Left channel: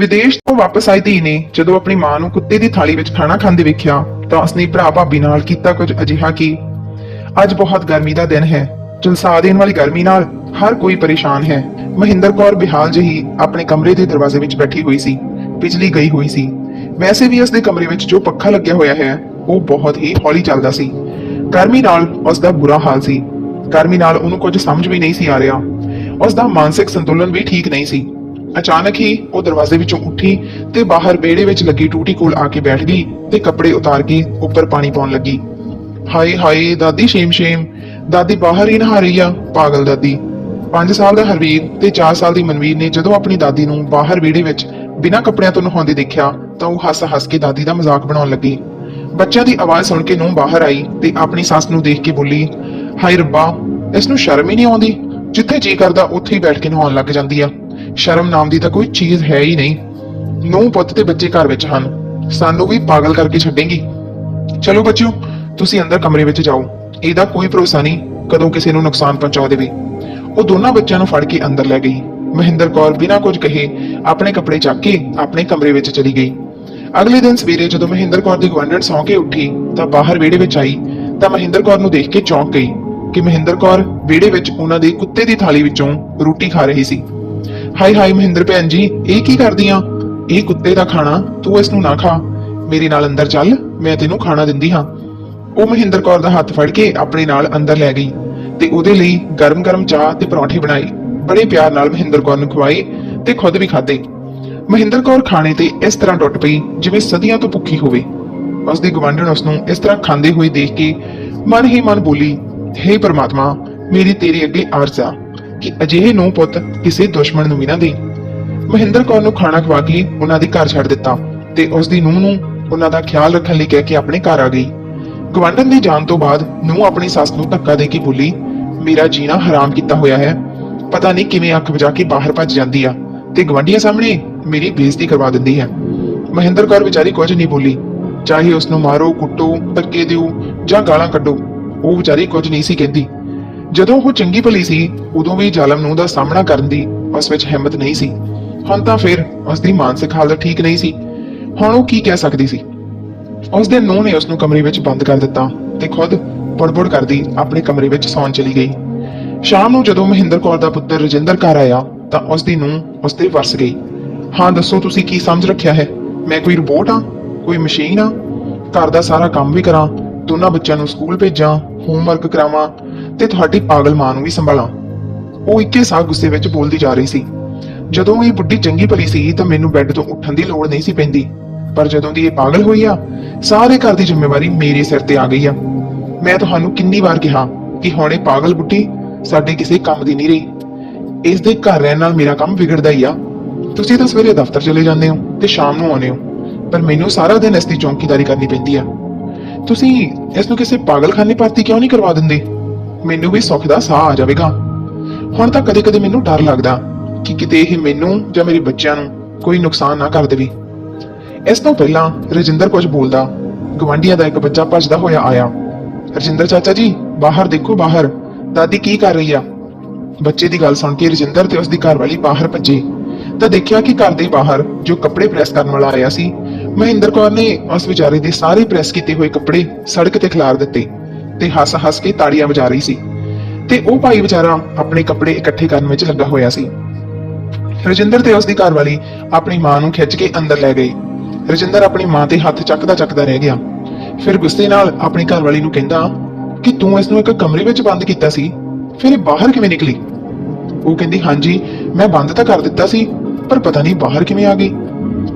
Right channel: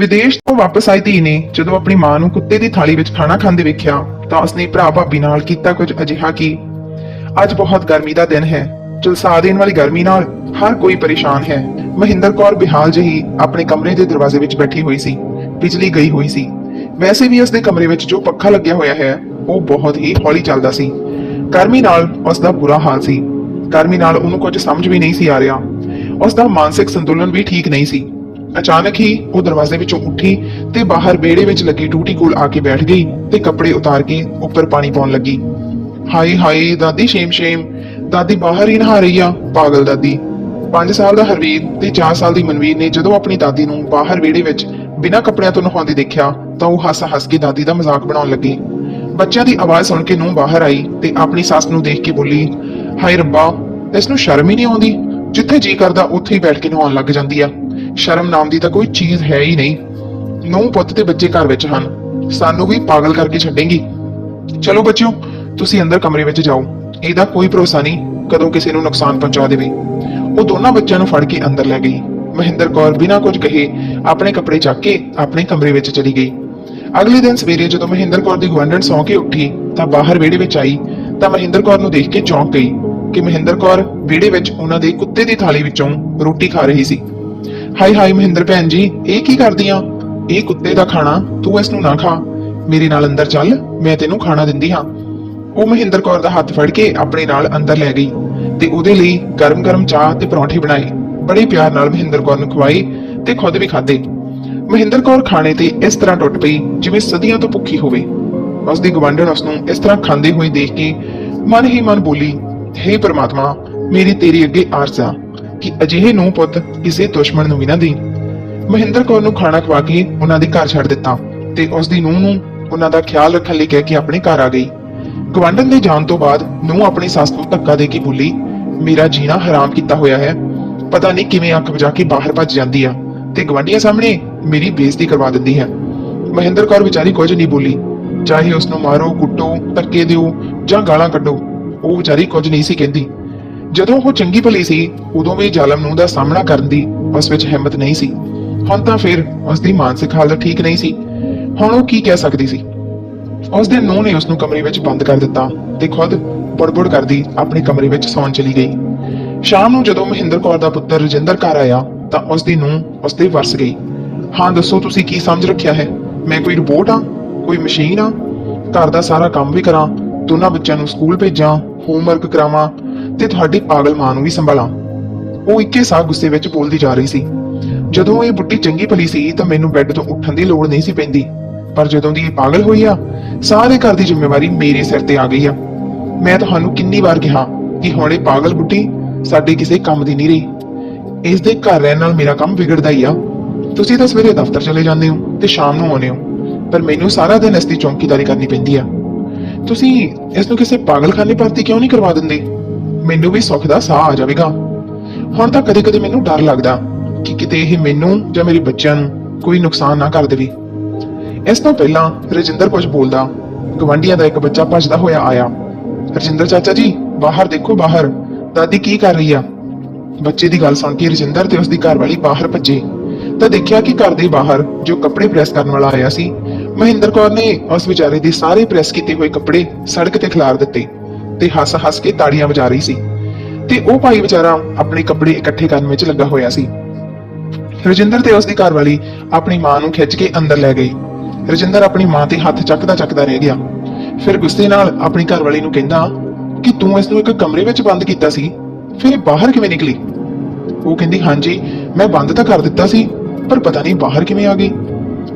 ਵਿਦੇਸ਼ ਤੋਂ ਵਾਪਸ ਆਈ ਧੀ ਨੇ ਜਦੋਂ ਆਪਣੀ ਮਾਂ ਨੂੰ ਕੁੱਤੇ ਦੀ ਥਾਲੀ ਵਿੱਚ ਖਾਣਾ ਖਾਂਦੇ ਵੇਖਿਆ ਤਾਂ ਉਸਨੇ ਭਰਾ ਭਾਬੀ ਨਾਲ ਕੀਤਾ ਕੁਝ ਅਜਿਹਾ ਕਿ ਅੱਜ ਬਹੁਤ ਗਰਮੀ ਦਾ ਦਿਨ ਹੈ ਚਲਸਾ ਦੇਣ ਵਾਲੀ ਗਰਮੀ ਨਾਲ ਹਰ ਕੋਈ ਪਰੇਸ਼ਾਨ ਹੈ। ਮਹਿੰਦਰ ਕੌਰ ਬਿਹਾਲ ਜਿਹੀ ਆਪਣੇ ਕਮਰੇ ਦੇ ਦਰਵਾਜ਼ੇ ਵਿੱਚ ਬੈਠੀ ਹੋਈ ਸੀ, ਬਿਜਲੀ ਗਈ ਹੋਈ ਸੀ। ਵੈਸੇ ਵੀ ਉਸ ਦੇ ਕਮਰੇ ਵਿੱਚ ਜੋ ਪੱਖਾ ਲੱਗਿਆ ਹੋਇਆ ਹੈ, ਉਹ ਬਹੁਤ ਹੀ ਹੌਲੀ ਚੱਲਦਾ ਸੀ। ਗਰਮੀ ਨਾਲ ਉਸ ਦਾ ਬੁਰਾ ਹਾਲ ਸੀ। ਗਰਮੀ ਨਾਲ ਉਹਨੂੰ ਕੁਝ ਸਮਝ ਵੀ ਨਹੀਂ ਸੀ ਆ ਰਿਹਾ। ਉਸ ਦਾ ਮਾਨਸਿਕ ਸੰਤੁਲਨ ਵੀ ਠੀਕ ਨਹੀਂ ਸੀ। ਅਚਾਨਕ ਹੀ ਉਹ ਦਰਵਾਜ਼ੇ ਵਿੱਚੋਂ ਉੱਠੀ ਤੇ ਬਾਹਰ ਵਿਹੜੇ ਵਿੱਚ ਲੱਗੀ ਟੂਟੀ ਕੋਲ ਆ ਕੇ ਬੈਠ ਗਈ ਤੇ ਕੱਪੜੇ ਉਤਾਰ ਕੇ ਉੱਪਰ ਪਾਣੀ ਪਾਉਣ ਲੱਗੀ। ਹਾਏ ਹਾਏ, ਦਾਦੀ, ਸ਼ੇਮ ਸ਼ੇਮ। ਦਾਦੀ ਬਾਹਰ ਹੀ ਨਹਾ ਰਹੀ ਆ, ਪਾਗਲ ਦਾਦੀ। 5 ਸਾਲ ਦਾ ਹਰਵੀਰ ਤੇ 4 ਸਾਲ ਦੀ ਮਨਵੀਰ ਨੇ ਜਦੋਂ ਆਪਣੀ ਦਾਦੀ ਨੂੰ ਬਾਹਰ ਵਿਹੜੇ ਵਿੱਚ ਬਿਨਾਂ ਕੱਪੜਿਆਂ ਤੋਂ ਨਹਾਉਂਦੇ ਦੇਖਿਆ ਤਾਂ ਉਹ ਹੱਸ ਹੱਸ ਕੇ ਦਾਦੀ ਦਾ ਮਜ਼ਾਕ ਬਣਾਉਣ ਲੱਗੀ। ਬੱਚਿਆਂ ਦੀ ਆਵਾਜ਼ ਸੁਣ ਕੇ ਨੂੰ ਬਾਹਰ ਆਈ ਤੇ ਆਪਣੀ ਸੱਸ ਨੂੰ ਦੇਖ ਕੇ ਬੋਲੀ, ਹਾਏ ਰੱਬਾ, ਇਸ ਨੂੰ ਸ਼ਰਮ ਹੀ ਨਹੀਂ ਆਉਂਦੀ? ਜਿੱਥੇ ਜੀ ਕਰਦਾ, ਉੱਥੇ ਹੀ ਬੈਠ ਕੇ ਨਹਾਉਣ ਲੱਗ ਜਾਂਦੀ ਆ। ਸ਼ਰਮ ਨਾਮ ਦੀ ਤਾਂ ਕੋਈ ਚੀਜ਼ ਹੈ ਹੀ ਨਹੀਂ। ਨੂੰ ਪੁੱਤ ਤੇ ਬੱਚੇ ਘਰ ਵਿੱਚ ਹਨ। ਸਾਨੂੰ ਵੀ ਪਾਗਲ ਕਰਕੇ ਛੱਡੇਗੀ। ਚਲੋ ਬੱਚਿਓ, ਤੁਸੀਂ ਅੰਦਰ ਕਮਰੇ ਵਿੱਚ ਜਾਓ। ਇਹਦਾ ਕੋਈ ਭਰੋਸਾ ਨਹੀਂ ਕਦੋਂ ਕਿਸੇ ਨੂੰ ਨੁਕਸਾਨ ਪਹੁੰਚਾ ਦੇਵੇ। ਉਹ ਦੋਨਾਂ ਬੱਚਿਆਂ ਨੂੰ ਫੜ ਕੇ ਅੰਦਰ ਲੈ ਗਈ। ਮਹਿੰਦਰ ਕੌਰ ਬਿਨਾਂ ਕੁਝ ਕਹੇ ਆਪਣੇ ਕੱਪੜੇ ਚੱਕ ਕੇ ਆਪਣੇ ਕਮਰੇ ਵਿੱਚ ਚਲੀ ਗਈ। ਅਗਲੇ ਦਿਨ ਸਵੇਰੇ ਜਦੋਂ ਮਹਿੰਦਰ ਕੌਰ ਦੀ ਗਵਰਨਰ ਸੌਂ ਕੇ ਉੱਠੀ ਤਾਂ ਬਾਹਰ ਵਿਹੜੇ ਵਿੱਚ ਆਈ ਤਾਂ ਮਹਿੰਦਰ ਕੌਰ ਨੂੰ ਦੇਖ ਕੇ ਚੌਂਕ ਗਈ ਕਿ ਮਹਿੰਦਰ ਕੌਰ ਵਿਹੜੇ ਵਿੱਚ ਉਹਨਾਂ ਦੇ ਕੁੱਤੇ ਦੀ ਥਾਲੀ ਵਿੱਚੋਂ ਰੋਟੀ ਖਾ ਰਹੀ ਸੀ। ਹਾਏ ਹਾਏ ਮਹਿੰਦਰ ਭੈਣ ਜੀ, ਇਹ ਕੀ ਕਰਦੀਆਂ? ਇਹ ਕੁੱਤੇ ਦਾ ਖਾਣਾ ਤੂੰ ਇਸ ਨੂੰ ਨਾ ਖਾ। ਮੇਰੇ ਨਾਲ ਅੰਦਰ ਚੱਲ, ਮੈਂ ਤੈਨੂੰ ਖਾਣਾ ਦਿੰਦੀ ਹਾਂ। ਉਹ ਮਹਿੰਦਰ ਕੌਰ ਦਾ ਹੱਥ ਫੜ ਕੇ ਆਪਣੇ ਨਾਲ ਅੰਦਰ ਲੈ ਗਈ ਤੇ ਉਹਦੇ ਲਈ ਗਰਮ-ਗਰਮ ਚਾਹ ਤੇ ਪਰੌਂਠੇ ਬਣਾਏ। ਬੜੇ ਪਿਆਰ ਨਾਲ ਮਹਿੰਦਰ ਕੌਰ ਨੂੰ ਖਵਾਏ ਤੇ ਖੁਦ ਵੀ ਖਾਦੇ ਮਹਿੰਦਰ ਕੌਰ ਖਾਣੇ ਤੇ ਇਸ ਤਰ੍ਹਾਂ ਟੁੱਟ ਪਈ ਜਿਵੇਂ ਸਦੀਆਂ ਤੋਂ ਭੁੱਖੀ ਹੋਵੇ। ਉਸ ਦੀ ਗਵੰਡਣ ਉਸ ਨੂੰ ਇਸ ਤਰ੍ਹਾਂ ਖਾਂਦੇ ਹੋਏ ਦੇਖ ਕੇ ਮਨ ਹੀ ਮਨ ਬੋਲੀ, ਹੇ ਪਰਮਾਤਮਾ, ਮੇਰੀ ਤੇਰੀ ਅੱਗੇ ਅਰਜ਼ ਆ। ਕਿ ਅਜਿਹੇ ਨੂੰ ਪੁੱਤ ਕਿਸੇ ਦੁਸ਼ਮਣ ਨੂੰ ਵੀ ਨਾ ਦੇ ਮਹਿੰਦਰ ਕੌਰ ਨੂੰ ਖਾਣਾ ਖਵਾ ਕੇ ਉਹਨਾਂ ਦੇ ਘਰ ਛੱਡ ਦਿੱਤਾ ਤੇ ਉਸ ਦੀ ਨੂੰਹ ਨੂੰ ਉਹਨਾਂ ਦਾ ਖਿਆਲ ਰੱਖਣ ਲਈ ਕਹਿ ਕੇ ਆਪਣੇ ਘਰ ਆ ਗਈ। ਗਵਾਂਢਣ ਦੇ ਜਾਣ ਤੋਂ ਬਾਅਦ ਨੂੰਹ ਆਪਣੀ ਸੱਸ ਨੂੰ ਧੱਕਾ ਦੇ ਕੇ ਬੋਲੀ, ਮੇਰਾ ਜੀਣਾ ਹਰਾਮ ਕੀਤਾ ਹੋਇਆ ਹੈ। ਪਤਾ ਨਹੀਂ ਕਿਵੇਂ ਅੱਖ ਵਜਾ ਕੇ ਬਾਹਰ ਭੱਜ ਜਾਂਦੀ ਆ ਤੇ ਗਵਾਂਢੀਆਂ ਸਾਹਮਣੇ ਮੇਰੀ ਬੇਇੱਜ਼ਤੀ ਕਰਵਾ ਦਿੰਦੀ ਹੈ। ਮਹਿੰਦਰ ਕੌਰ ਵਿਚਾਰੀ ਕੁਝ ਨਹੀਂ ਬੋਲੀ। ਚਾਹੇ ਉਸ ਨੂੰ ਮਾਰੋ, ਕੁੱਟੋ, ਧੱਕੇ ਦਿਓ ਜਾਂ ਗਾਲਾਂ ਕੱਢੋ, ਉਹ ਵਿਚਾਰੀ ਕੁਝ ਨਹੀਂ ਸੀ ਕਹਿੰਦੀ। ਜਦੋਂ ਉਹ ਚੰਗੀ ਭਲੀ ਸੀ, ਉਦੋਂ ਵੀ ਜ਼ਾਲਮ ਨੂੰ ਦਾ ਸਾਹਮਣਾ ਕਰਨ ਦੀ ਉਸ ਵਿੱਚ ਹਿੰਮਤ ਨਹੀਂ ਸੀ। ਹੁਣ ਤਾਂ ਫਿਰ ਉਸ ਦੀ ਮਾਨਸਿਕ ਹਾਲਤ ਠੀਕ ਨਹੀਂ ਸੀ। ਹੁਣ ਉਹ ਕੀ ਕਹਿ ਸਕਦੀ ਸੀ? ਉਸ ਦੇ ਨੂੰਹ ਨੇ ਉਸ ਨੂੰ ਕਮਰੇ ਵਿੱਚ ਬੰਦ ਕਰ ਦਿੱਤਾ ਤੇ ਖੁਦ ਬੜਬੜ ਕਰਦੀ ਆਪਣੇ ਕਮਰੇ ਵਿੱਚ ਸੌਣ ਚਲੀ ਗਈ। ਸ਼ਾਮ ਨੂੰ ਜਦੋਂ ਮਹਿੰਦਰ ਕੌਰ ਦਾ ਪੁੱਤਰ ਰਜਿੰਦਰ ਘਰ ਆਇਆ, ਤਾਂ ਉਸ ਦੀ ਨੂੰਹ ਉਸ ਦੇ ਵਰਸ ਗਈ। ਹਾਂ, ਦੱਸੋ ਤੁਸੀਂ ਕੀ ਸਮਝ ਰੱਖਿਆ ਹੈ? ਮੈਂ ਕੋਈ ਰੋਬੋਟ ਆ ਕੋਈ ਮਸ਼ੀਨ ਆ ਘਰ ਦਾ ਸਾਰਾ ਕੰਮ ਵੀ ਕਰਾਂ? ਦੋਨਾਂ ਬੱਚਿਆਂ ਨੂੰ ਸਕੂਲ ਭੇਜਾਂ? ਹੋਮਵਰਕ ਕਰਾਵਾਂ? ਤੇ ਤੁਹਾਡੀ ਪਾਗਲ ਮਾਂ ਨੂੰ ਵੀ ਸੰਭਾਲਾਂ। ਉਹ ਇੱਕੇ ਸਾਹ ਗੁੱਸੇ ਵਿੱਚ ਬੋਲਦੀ ਜਾ ਰਹੀ ਸੀ। ਜਦੋਂ ਇਹ ਬੁੱਢੀ ਚੰਗੀ ਭਲੀ ਸੀ ਤਾਂ ਮੈਨੂੰ ਬੈੱਡ ਤੋਂ ਉੱਠਣ ਦੀ ਲੋੜ ਨਹੀਂ ਸੀ ਪੈਂਦੀ। ਪਰ ਜਦੋਂ ਦੀ ਇਹ ਪਾਗਲ ਹੋਈ ਆ, ਸਾਰੇ ਘਰ ਦੀ ਜ਼ਿੰਮੇਵਾਰੀ ਮੇਰੇ ਸਿਰ ਤੇ ਆ ਗਈ ਆ। ਮੈਂ ਤੁਹਾਨੂੰ ਕਿੰਨੀ ਵਾਰ ਕਿਹਾ ਕਿ ਹੁਣ ਇਹ ਪਾਗਲ ਬੁੱਢੀ ਸਾਡੇ ਕਿਸੇ ਕੰਮ ਦੀ ਨਹੀਂ ਰਹੀ। ਇਸ ਦੇ ਘਰ ਰਹਿਣ ਨਾਲ ਮੇਰਾ ਕੰਮ ਵਿਗੜਦਾ ਹੀ ਆ। ਤੁਸੀਂ ਤਾਂ ਸਵੇਰੇ ਦਫ਼ਤਰ ਚਲੇ ਜਾਂਦੇ ਹੋ ਤੇ ਸ਼ਾਮ ਨੂੰ ਆਉਂਦੇ ਹੋ, ਪਰ ਮੈਨੂੰ ਸਾਰਾ ਦਿਨ ਇਸ ਦੀ ਚੌਂਕੀਦਾਰੀ ਕਰਨੀ ਪੈਂਦੀ ਆ। ਤੁਸੀਂ ਇਸ ਨੂੰ ਕਿਸੇ ਪਾਗਲਖਾਨੇ ਭਰਤੀ ਕਿਉਂ ਨਹੀਂ ਕਰਵਾ ਦਿੰਦੇ? ਮੈਨੂੰ ਵੀ ਸੁੱਖ ਦਾ ਸਾਹ ਆ ਜਾਵੇਗਾ। ਹੁਣ ਤਾਂ ਕਦੇ-ਕਦੇ ਮੈਨੂੰ ਡਰ ਲੱਗਦਾ ਕਿ ਕਿਤੇ ਇਹ ਮੈਨੂੰ ਜਾਂ ਮੇਰੇ ਬੱਚਿਆਂ ਨੂੰ ਕੋਈ ਨੁਕਸਾਨ ਨਾ ਕਰ ਦੇਵੇ। ਇਸ ਤੋਂ ਪਹਿਲਾਂ ਰਜਿੰਦਰ ਕੁਝ ਬੋਲਦਾ ਗਵਾਂਢੀਆਂ ਦਾ ਇੱਕ ਬੱਚਾ ਭੱਜਦਾ ਹੋਇਆ ਆਇਆ। ਰਜਿੰਦਰ ਚਾਚਾ ਜੀ, ਬਾਹਰ ਦੇਖੋ ਬਾਹਰ, ਦਾਦੀ ਕੀ ਕਰ ਰਹੀ ਆ? ਬੱਚੇ ਦੀ ਗੱਲ ਸੁਣ ਕੇ ਰਜਿੰਦਰ ਤੇ ਉਸਦੀ ਘਰਵਾਲੀ ਬਾਹਰ ਭੱਜੇ। ਤਾਂ ਦੇਖਿਆ ਕਿ ਘਰ ਦੇ ਬਾਹਰ ਜੋ ਕੱਪੜੇ ਪ੍ਰੈਸ ਕਰਨ ਵਾਲਾ ਆਇਆ ਸੀ, ਮਹਿੰਦਰ ਕੌਰ ਨੇ ਉਸ ਵਿਚਾਰੇ ਦੇ ਸਾਰੇ ਪ੍ਰੈਸ ਕੀਤੇ ਹੋਏ ਕੱਪੜੇ ਸੜਕ ਤੇ ਖਿਲਾਰ ਦਿੱਤੇ। ਤੇ ਹੱਸ-ਹੱਸ ਕੇ ਤਾੜੀਆਂ ਵਜਾ ਰਹੀ ਸੀ ਤੇ ਉਹ ਭਾਈ ਵਿਚਾਰਾ ਆਪਣੇ ਕੱਪੜੇ ਇਕੱਠੇ ਕਰਨ ਵਿੱਚ ਲੱਗਾ ਹੋਇਆ ਸੀ। ਰਜਿੰਦਰ ਤੇ ਉਸ ਦੀ ਘਰਵਾਲੀ ਆਪਣੀ ਮਾਂ ਨੂੰ ਖਿੱਚ ਕੇ ਅੰਦਰ ਲੈ ਗਏ। ਰਜਿੰਦਰ ਆਪਣੀ ਮਾਂ ਤੇ ਹੱਥ ਚੱਕਦਾ ਚੱਕਦਾ ਰਹਿ ਗਿਆ। ਫਿਰ ਗੁੱਸੇ ਨਾਲ ਆਪਣੀ ਘਰਵਾਲੀ ਨੂੰ ਕਹਿੰਦਾ ਕਿ ਤੂੰ ਇਸ ਨੂੰ ਇੱਕ ਕਮਰੇ ਵਿੱਚ ਬੰਦ ਕੀਤਾ ਸੀ, ਫਿਰ ਇਹ ਬਾਹਰ ਕਿਵੇਂ ਨਿਕਲੀ? ਉਹ ਕਹਿੰਦੀ, ਹਾਂਜੀ, ਮੈਂ ਬੰਦ ਤਾਂ ਕਰ ਦਿੱਤਾ ਸੀ, ਪਰ ਪਤਾ ਨਹੀਂ ਬਾਹਰ ਕਿਵੇਂ ਆ ਗਈ।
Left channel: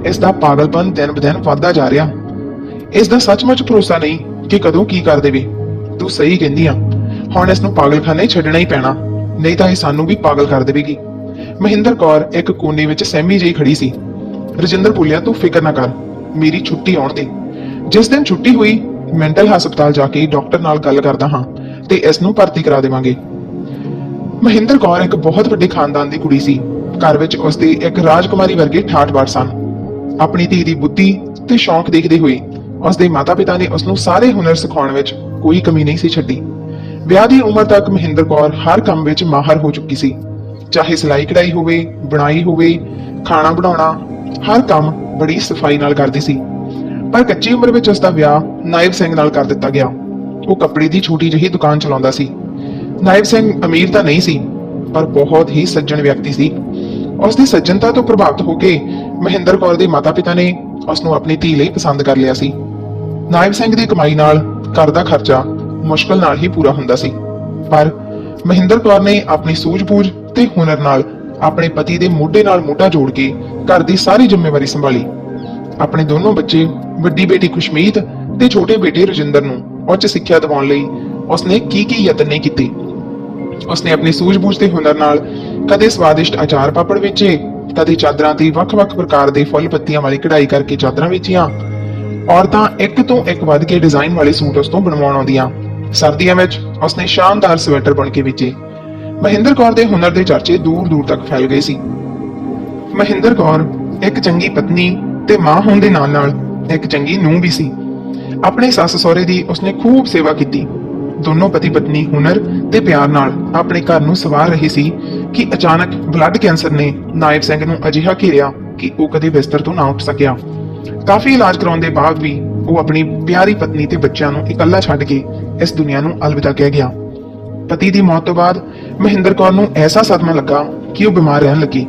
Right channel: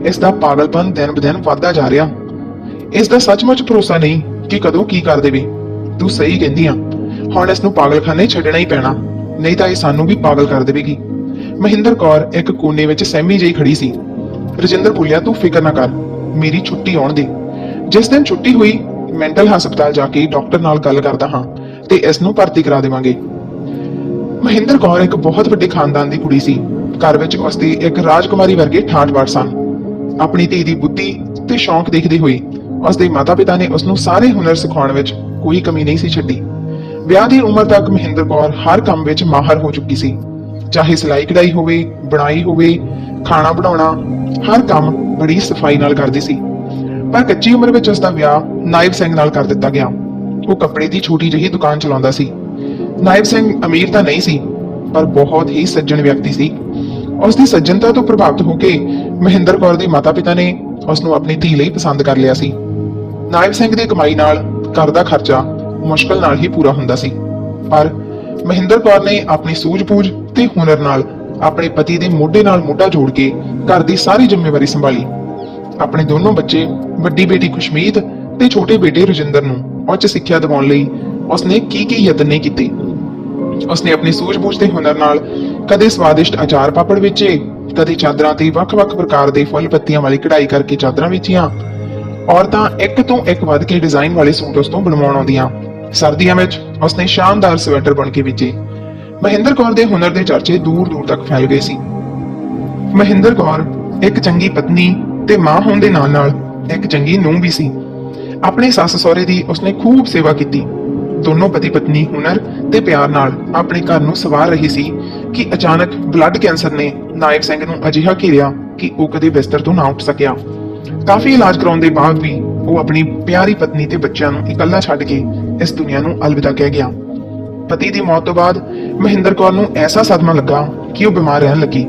ਇਸ ਦਾ ਪਾਗਲਪਨ ਦਿਨ ਬਦਿਨ ਵੱਧਦਾ ਜਾ ਰਿਹਾ। ਇਸ ਦਾ ਸੱਚਮੁੱਚ ਭਰੋਸਾ ਨਹੀਂ ਕਿ ਕਦੋਂ ਕੀ ਕਰ ਦੇਵੇ। ਤੂੰ ਸਹੀ ਕਹਿੰਦੀ ਆ। ਹੁਣ ਇਸ ਨੂੰ ਪਾਗਲਖਾਨੇ ਛੱਡਣਾ ਹੀ ਪੈਣਾ। ਨਹੀਂ ਤਾਂ ਇਹ ਸਾਨੂੰ ਵੀ ਪਾਗਲ ਕਰ ਦੇਵੇਗੀ। ਮਹਿੰਦਰ ਕੌਰ ਇੱਕ ਕੋਨੇ ਵਿੱਚ ਸਹਿਮੀ ਜਿਹੀ ਖੜੀ ਸੀ। ਰਜਿੰਦਰ ਬੋਲਿਆ ਤੂੰ ਫਿਕਰ ਨਾ ਕਰ। ਮੇਰੀ ਛੁੱਟੀ ਆਉਣ ਦੇ। ਜਿਸ ਦਿਨ ਛੁੱਟੀ ਹੋਈ, ਮੈਂਟਲ ਹਸਪਤਾਲ ਜਾ ਕੇ ਡਾਕਟਰ ਨਾਲ ਗੱਲ ਕਰਦਾ ਹਾਂ ਤੇ ਇਸ ਨੂੰ ਭਰਤੀ ਕਰਾ ਦੇਵਾਂਗੇ। ਮਹਿੰਦਰ ਕੌਰ ਇੱਕ ਬਹੁਤ ਵੱਡੇ ਖਾਨਦਾਨ ਦੀ ਕੁੜੀ ਸੀ। ਘਰ ਵਿੱਚ ਉਸ ਦੇ ਇੱਕ ਰਾਜਕੁਮਾਰੀ ਵਰਗੇ ਠਾਠ-ਬਾਠ ਸਨ। ਆਪਣੀ ਧੀ ਦੀ ਬੁੱਧੀ ਤੇ ਸ਼ੌਂਕ ਦੇਖਦੇ ਹੋਏ ਉਸ ਦੇ ਮਾਤਾ-ਪਿਤਾ ਨੇ ਉਸ ਨੂੰ ਸਾਰੇ ਹੁਨਰ ਸਿਖਾਉਣ ਵਿੱਚ ਕੋਈ ਕਮੀ ਨਹੀਂ ਸੀ ਛੱਡੀ। ਵਿਆਹ ਦੀ ਉਮਰ ਤੱਕ ਮਹਿੰਦਰ ਕੌਰ ਹਰ ਕੰਮ ਵਿੱਚ ਮਾਹਰ ਹੋ ਚੁੱਕੀ ਸੀ। ਚਾਹੇ ਸਿਲਾਈ ਕਢਾਈ ਹੋਵੇ, ਬਣਾਈ ਹੋਵੇ, ਖਾਣਾ ਬਣਾਉਣਾ, ਹਰ ਕੰਮ ਬੜੀ ਸਫ਼ਾਈ ਨਾਲ ਕਰਦੀ ਸੀ। ਪਰ ਕੱਚੀ ਉਮਰ ਵਿੱਚ ਉਸ ਦਾ ਵਿਆਹ ਨਾਇਬ ਸਿੰਘ ਨਾਲ ਕਰ ਦਿੱਤਾ ਗਿਆ। ਉਹ ਕੱਪੜੇ ਦੀ ਛੋਟੀ ਜਿਹੀ ਦੁਕਾਨ ਚਲਾਉਂਦਾ ਸੀ। ਨਾਇਬ ਸਿੰਘ ਅਮੀਰ ਤਾਂ ਨਹੀਂ ਸੀ, ਪਰ ਬਹੁਤ ਹੀ ਸੱਜਣ ਵਿਅਕਤੀ ਸੀ। ਉਸ ਦੀ ਸੱਜਣਤਾ ਤੋਂ ਪ੍ਰਭਾਵਿਤ ਹੋ ਕੇ ਮਹਿੰਦਰ ਕੌਰ ਦੇ ਮਾਤਾ-ਪਿਤਾ ਨੇ ਉਸ ਨੂੰ ਆਪਣੀ ਧੀ ਲਈ ਪਸੰਦ ਕਰ ਲਿਆ ਸੀ। ਨਾਇਬ ਸਿੰਘ ਦੀ ਕਮਾਈ ਨਾਲ ਘਰ ਦਾ ਖਰਚਾ ਮੁਸ਼ਕਲ ਨਾਲ ਹੀ ਪੂਰਾ ਹੁੰਦਾ ਸੀ। ਪਰ ਮਹਿੰਦਰ ਕੌਰ ਨੇ ਆਪਣੀ ਸੂਝ-ਬੂਝ ਤੇ ਹੁਨਰ ਨਾਲ ਆਪਣੇ ਪਤੀ ਦੇ ਮੋਢੇ ਨਾਲ ਮੋਢਾ ਜੋੜ ਕੇ ਘਰ ਦੀ ਸਾਰੀ ਜ਼ਿੰਮੇਵਾਰੀ ਸੰਭਾਲੀ। ਆਪਣੇ ਦੋਨੋਂ ਬੱਚੇ, ਵੱਡੀ ਬੇਟੀ ਖੁਸ਼ਮੀਤ ਤੇ ਛੋਟੇ ਬੇਟੇ ਰਜਿੰਦਰ ਨੂੰ ਉੱਚ ਸਿੱਖਿਆ ਦਿਵਾਉਣ ਲਈ ਉਸਨੇ ਕੀ ਕੀ ਯਤਨ ਨਹੀਂ ਕੀਤੇ। ਉਸਨੇ ਆਪਣੀ ਸੂਝ-ਬੂਝ ਤੇ ਹੁਨਰ ਨਾਲ ਕਦੇ ਸਵਾਦਿਸ਼ਟ ਅਚਾਰ ਪਾਪੜ ਵੇਚੇ, ਕਦੇ ਚਾਦਰਾਂ ਤੇ ਵੱਖ-ਵੱਖ ਪ੍ਰਕਾਰ ਦੇ ਫੁੱਲ ਪੱਤੀਆਂ ਵਾਲੀ ਕਢਾਈ ਕਰਕੇ ਚਾਦਰਾਂ ਵੇਚੀਆਂ ਔਰਤਾਂ ਇੱਕ ਤੋਂ ਇੱਕ ਵੱਧ ਕੇ ਡਿਜ਼ਾਈਨ ਵਾਲੇ ਸੂਟ ਉਸ ਤੋਂ ਬਣਵਾਉਣ ਆਉਂਦੀਆਂ। ਸਰਦੀਆਂ ਵਿੱਚ ਉਸਨੇ ਸ਼ਾਨਦਾਰ ਸਵੈਟਰ ਬਣ ਕੇ ਵੇਚੇ ਮਹਿੰਦਰ ਕੌਰ ਦੇ ਹੁਨਰ ਦੇ ਚਰਚੇ ਦੂਰ-ਦੂਰ ਤੱਕ ਫੈਲ ਗਏ ਸੀ। ਮਹਿੰਦਰ ਕੌਰ ਇੱਕ ਚੰਗੀ ਪਤਨੀ ਤੇ ਮਾਂ ਹੋਣ ਦੇ ਨਾਲ-ਨਾਲ ਇੱਕ ਚੰਗੀ ਨੂੰਹ ਵੀ ਸੀ। ਆਪਣੇ ਸੱਸ ਸਹੁਰੇ ਦੀ ਉਸਨੇ ਖੂਬ ਸੇਵਾ ਕੀਤੀ। ਦੋਨੋਂ ਪਤੀ ਪਤਨੀ ਹੁਨਰ ਤੇ ਪਿਆਰ ਨਾਲ ਆਪਣੇ ਘਰ ਨੂੰ ਸਵਾਰ ਰਹੀ ਸੀ ਕਿ ਅਚਾਨਕ ਬਲੱਡ ਕੈਂਸਰ ਨੇ ਨਾਇਬ ਸਿੰਘ ਨੂੰ ਅਜਿਹਾ ਘੇਰਿਆ ਕਿ ਉਹ ਕਦੇ ਬਿਸਤਰ ਤੋਂ ਨਾ ਉੱਠ ਸਕਿਆ। ਕਾਫੀ ਇਲਾਜ ਕਰਾਉਣ ਦੇ ਬਾਅਦ ਵੀ ਉਹ ਆਪਣੀ ਪਿਆਰੀ ਪਤਨੀ ਤੇ ਬੱਚਿਆਂ ਨੂੰ ਇਕੱਲਾ ਛੱਡ ਕੇ ਇਸ ਦੁਨੀਆ ਨੂੰ ਅਲਵਿਦਾ ਕਹਿ ਗਿਆ। ਪਤੀ ਦੀ ਮੌਤ ਤੋਂ ਬਾਅਦ ਮਹਿੰਦਰ ਕੌਰ ਨੂੰ ਐਸਾ ਸਦਮਾ ਲੱਗਾ ਕਿ ਉਹ ਬਿਮਾਰ ਰਹਿਣ ਲੱਗੀ।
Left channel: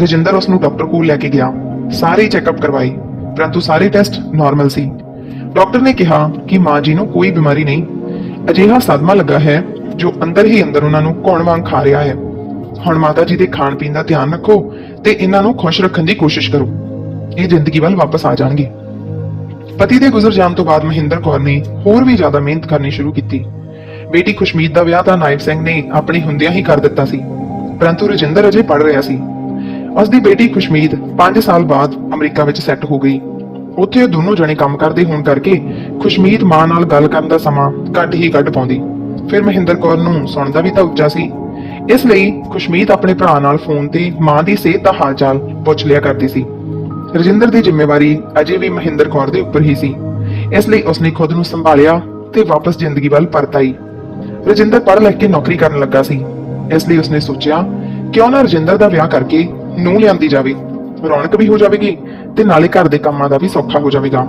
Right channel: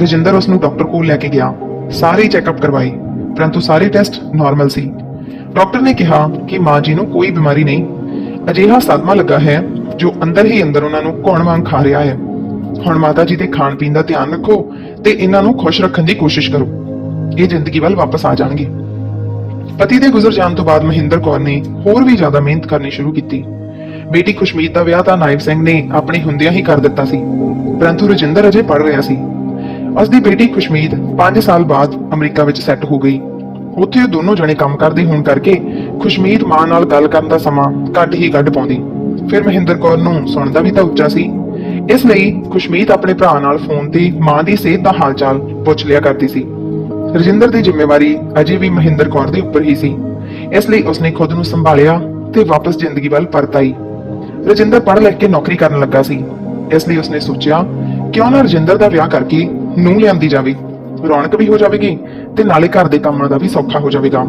ਰਜਿੰਦਰ ਉਸ ਨੂੰ ਡਾਕਟਰ ਕੋਲ ਲੈ ਕੇ ਗਿਆ। ਸਾਰੇ ਚੈੱਕਅਪ ਕਰਵਾਏ, ਪਰੰਤੂ ਸਾਰੇ ਟੈਸਟ ਨਾਰਮਲ ਸੀ। ਡਾਕਟਰ ਨੇ ਕਿਹਾ ਕਿ ਮਾਂ ਜੀ ਨੂੰ ਕੋਈ ਬਿਮਾਰੀ ਨਹੀਂ। ਅਜਿਹਾ ਸਦਮਾ ਲੱਗਾ ਹੈ ਜੋ ਅੰਦਰ ਹੀ ਅੰਦਰ ਉਹਨਾਂ ਨੂੰ ਕੌਣ ਵਾਂਗ ਖਾ ਰਿਹਾ ਹੈ। ਹੁਣ ਮਾਤਾ ਜੀ ਦੇ ਖਾਣ ਪੀਣ ਦਾ ਧਿਆਨ ਰੱਖੋ ਤੇ ਇਹਨਾਂ ਨੂੰ ਖੁਸ਼ ਰੱਖਣ ਦੀ ਕੋਸ਼ਿਸ਼ ਕਰੋ। ਇਹ ਜ਼ਿੰਦਗੀ ਵੱਲ ਵਾਪਸ ਆ ਜਾਣਗੇ। ਪਤੀ ਦੇ ਗੁਜ਼ਰ ਜਾਣ ਤੋਂ ਬਾਅਦ ਮਹਿੰਦਰ ਕੌਰ ਨੇ ਹੋਰ ਵੀ ਜ਼ਿਆਦਾ ਮਿਹਨਤ ਕਰਨੀ ਸ਼ੁਰੂ ਕੀਤੀ। ਬੇਟੀ ਖੁਸ਼ਮੀਤ ਦਾ ਵਿਆਹ ਤਾਂ ਨਾਇਬ ਸਿੰਘ ਨੇ ਆਪਣੇ ਹੁੰਦਿਆਂ ਹੀ ਕਰ ਦਿੱਤਾ ਸੀ, ਪਰੰਤੂ ਰਜਿੰਦਰ ਅਜੇ ਪੜ ਰਿਹਾ ਸੀ। ਉਸ ਦੀ ਬੇਟੀ ਖੁਸ਼ਮੀਤ 5 ਸਾਲ ਬਾਅਦ ਅਮਰੀਕਾ ਵਿੱਚ ਸੈੱਟ ਹੋ ਗਈ। ਉੱਥੇ ਉਹ ਦੋਨੋਂ ਜਣੇ ਕੰਮ ਕਰਦੇ ਹੋਣ ਕਰਕੇ ਖੁਸ਼ਮੀਤ ਮਾਂ ਨਾਲ ਗੱਲ ਕਰਨ ਦਾ ਸਮਾਂ ਘੱਟ ਹੀ ਕੱਢ ਪਾਉਂਦੀ। ਫਿਰ ਮਹਿੰਦਰ ਕੌਰ ਨੂੰ ਸੁਣਦਾ ਵੀ ਤਾਂ ਉੱਚਾ ਸੀ। ਇਸ ਲਈ ਖੁਸ਼ਮੀਤ ਆਪਣੇ ਭਰਾ ਨਾਲ ਫੋਨ ਤੇ ਮਾਂ ਦੀ ਸਿਹਤ ਦਾ ਹਾਲਚਾਲ ਪੁੱਛ ਲਿਆ ਕਰਦੀ ਸੀ। ਰਜਿੰਦਰ ਦੀ ਜ਼ਿੰਮੇਵਾਰੀ ਅਜੇ ਵੀ ਮਹਿੰਦਰ ਕੌਰ ਦੇ ਉੱਪਰ ਹੀ ਸੀ। ਇਸ ਲਈ ਉਸਨੇ ਖੁਦ ਨੂੰ ਸੰਭਾਲਿਆ ਤੇ ਵਾਪਸ ਜ਼ਿੰਦਗੀ ਵੱਲ ਪਰਤ ਆਈ ਰਜਿੰਦਰ ਪੜ੍ਹ ਲਿਖ ਕੇ ਨੌਕਰੀ ਕਰਨ ਲੱਗਾ ਸੀ। ਇਸ ਲਈ ਉਸਨੇ ਸੋਚਿਆ, ਕਿਉਂ ਨਾ ਰਜਿੰਦਰ ਦਾ ਵਿਆਹ ਕਰਕੇ ਨੂੰ ਲਿਆਂਦੀ ਜਾਵੇ। ਰੌਣਕ ਵੀ ਹੋ ਜਾਵੇਗੀ ਤੇ ਨਾਲੇ ਘਰ ਦੇ ਕੰਮਾਂ ਦਾ ਵੀ ਸੌਖਾ ਹੋ ਜਾਵੇਗਾ।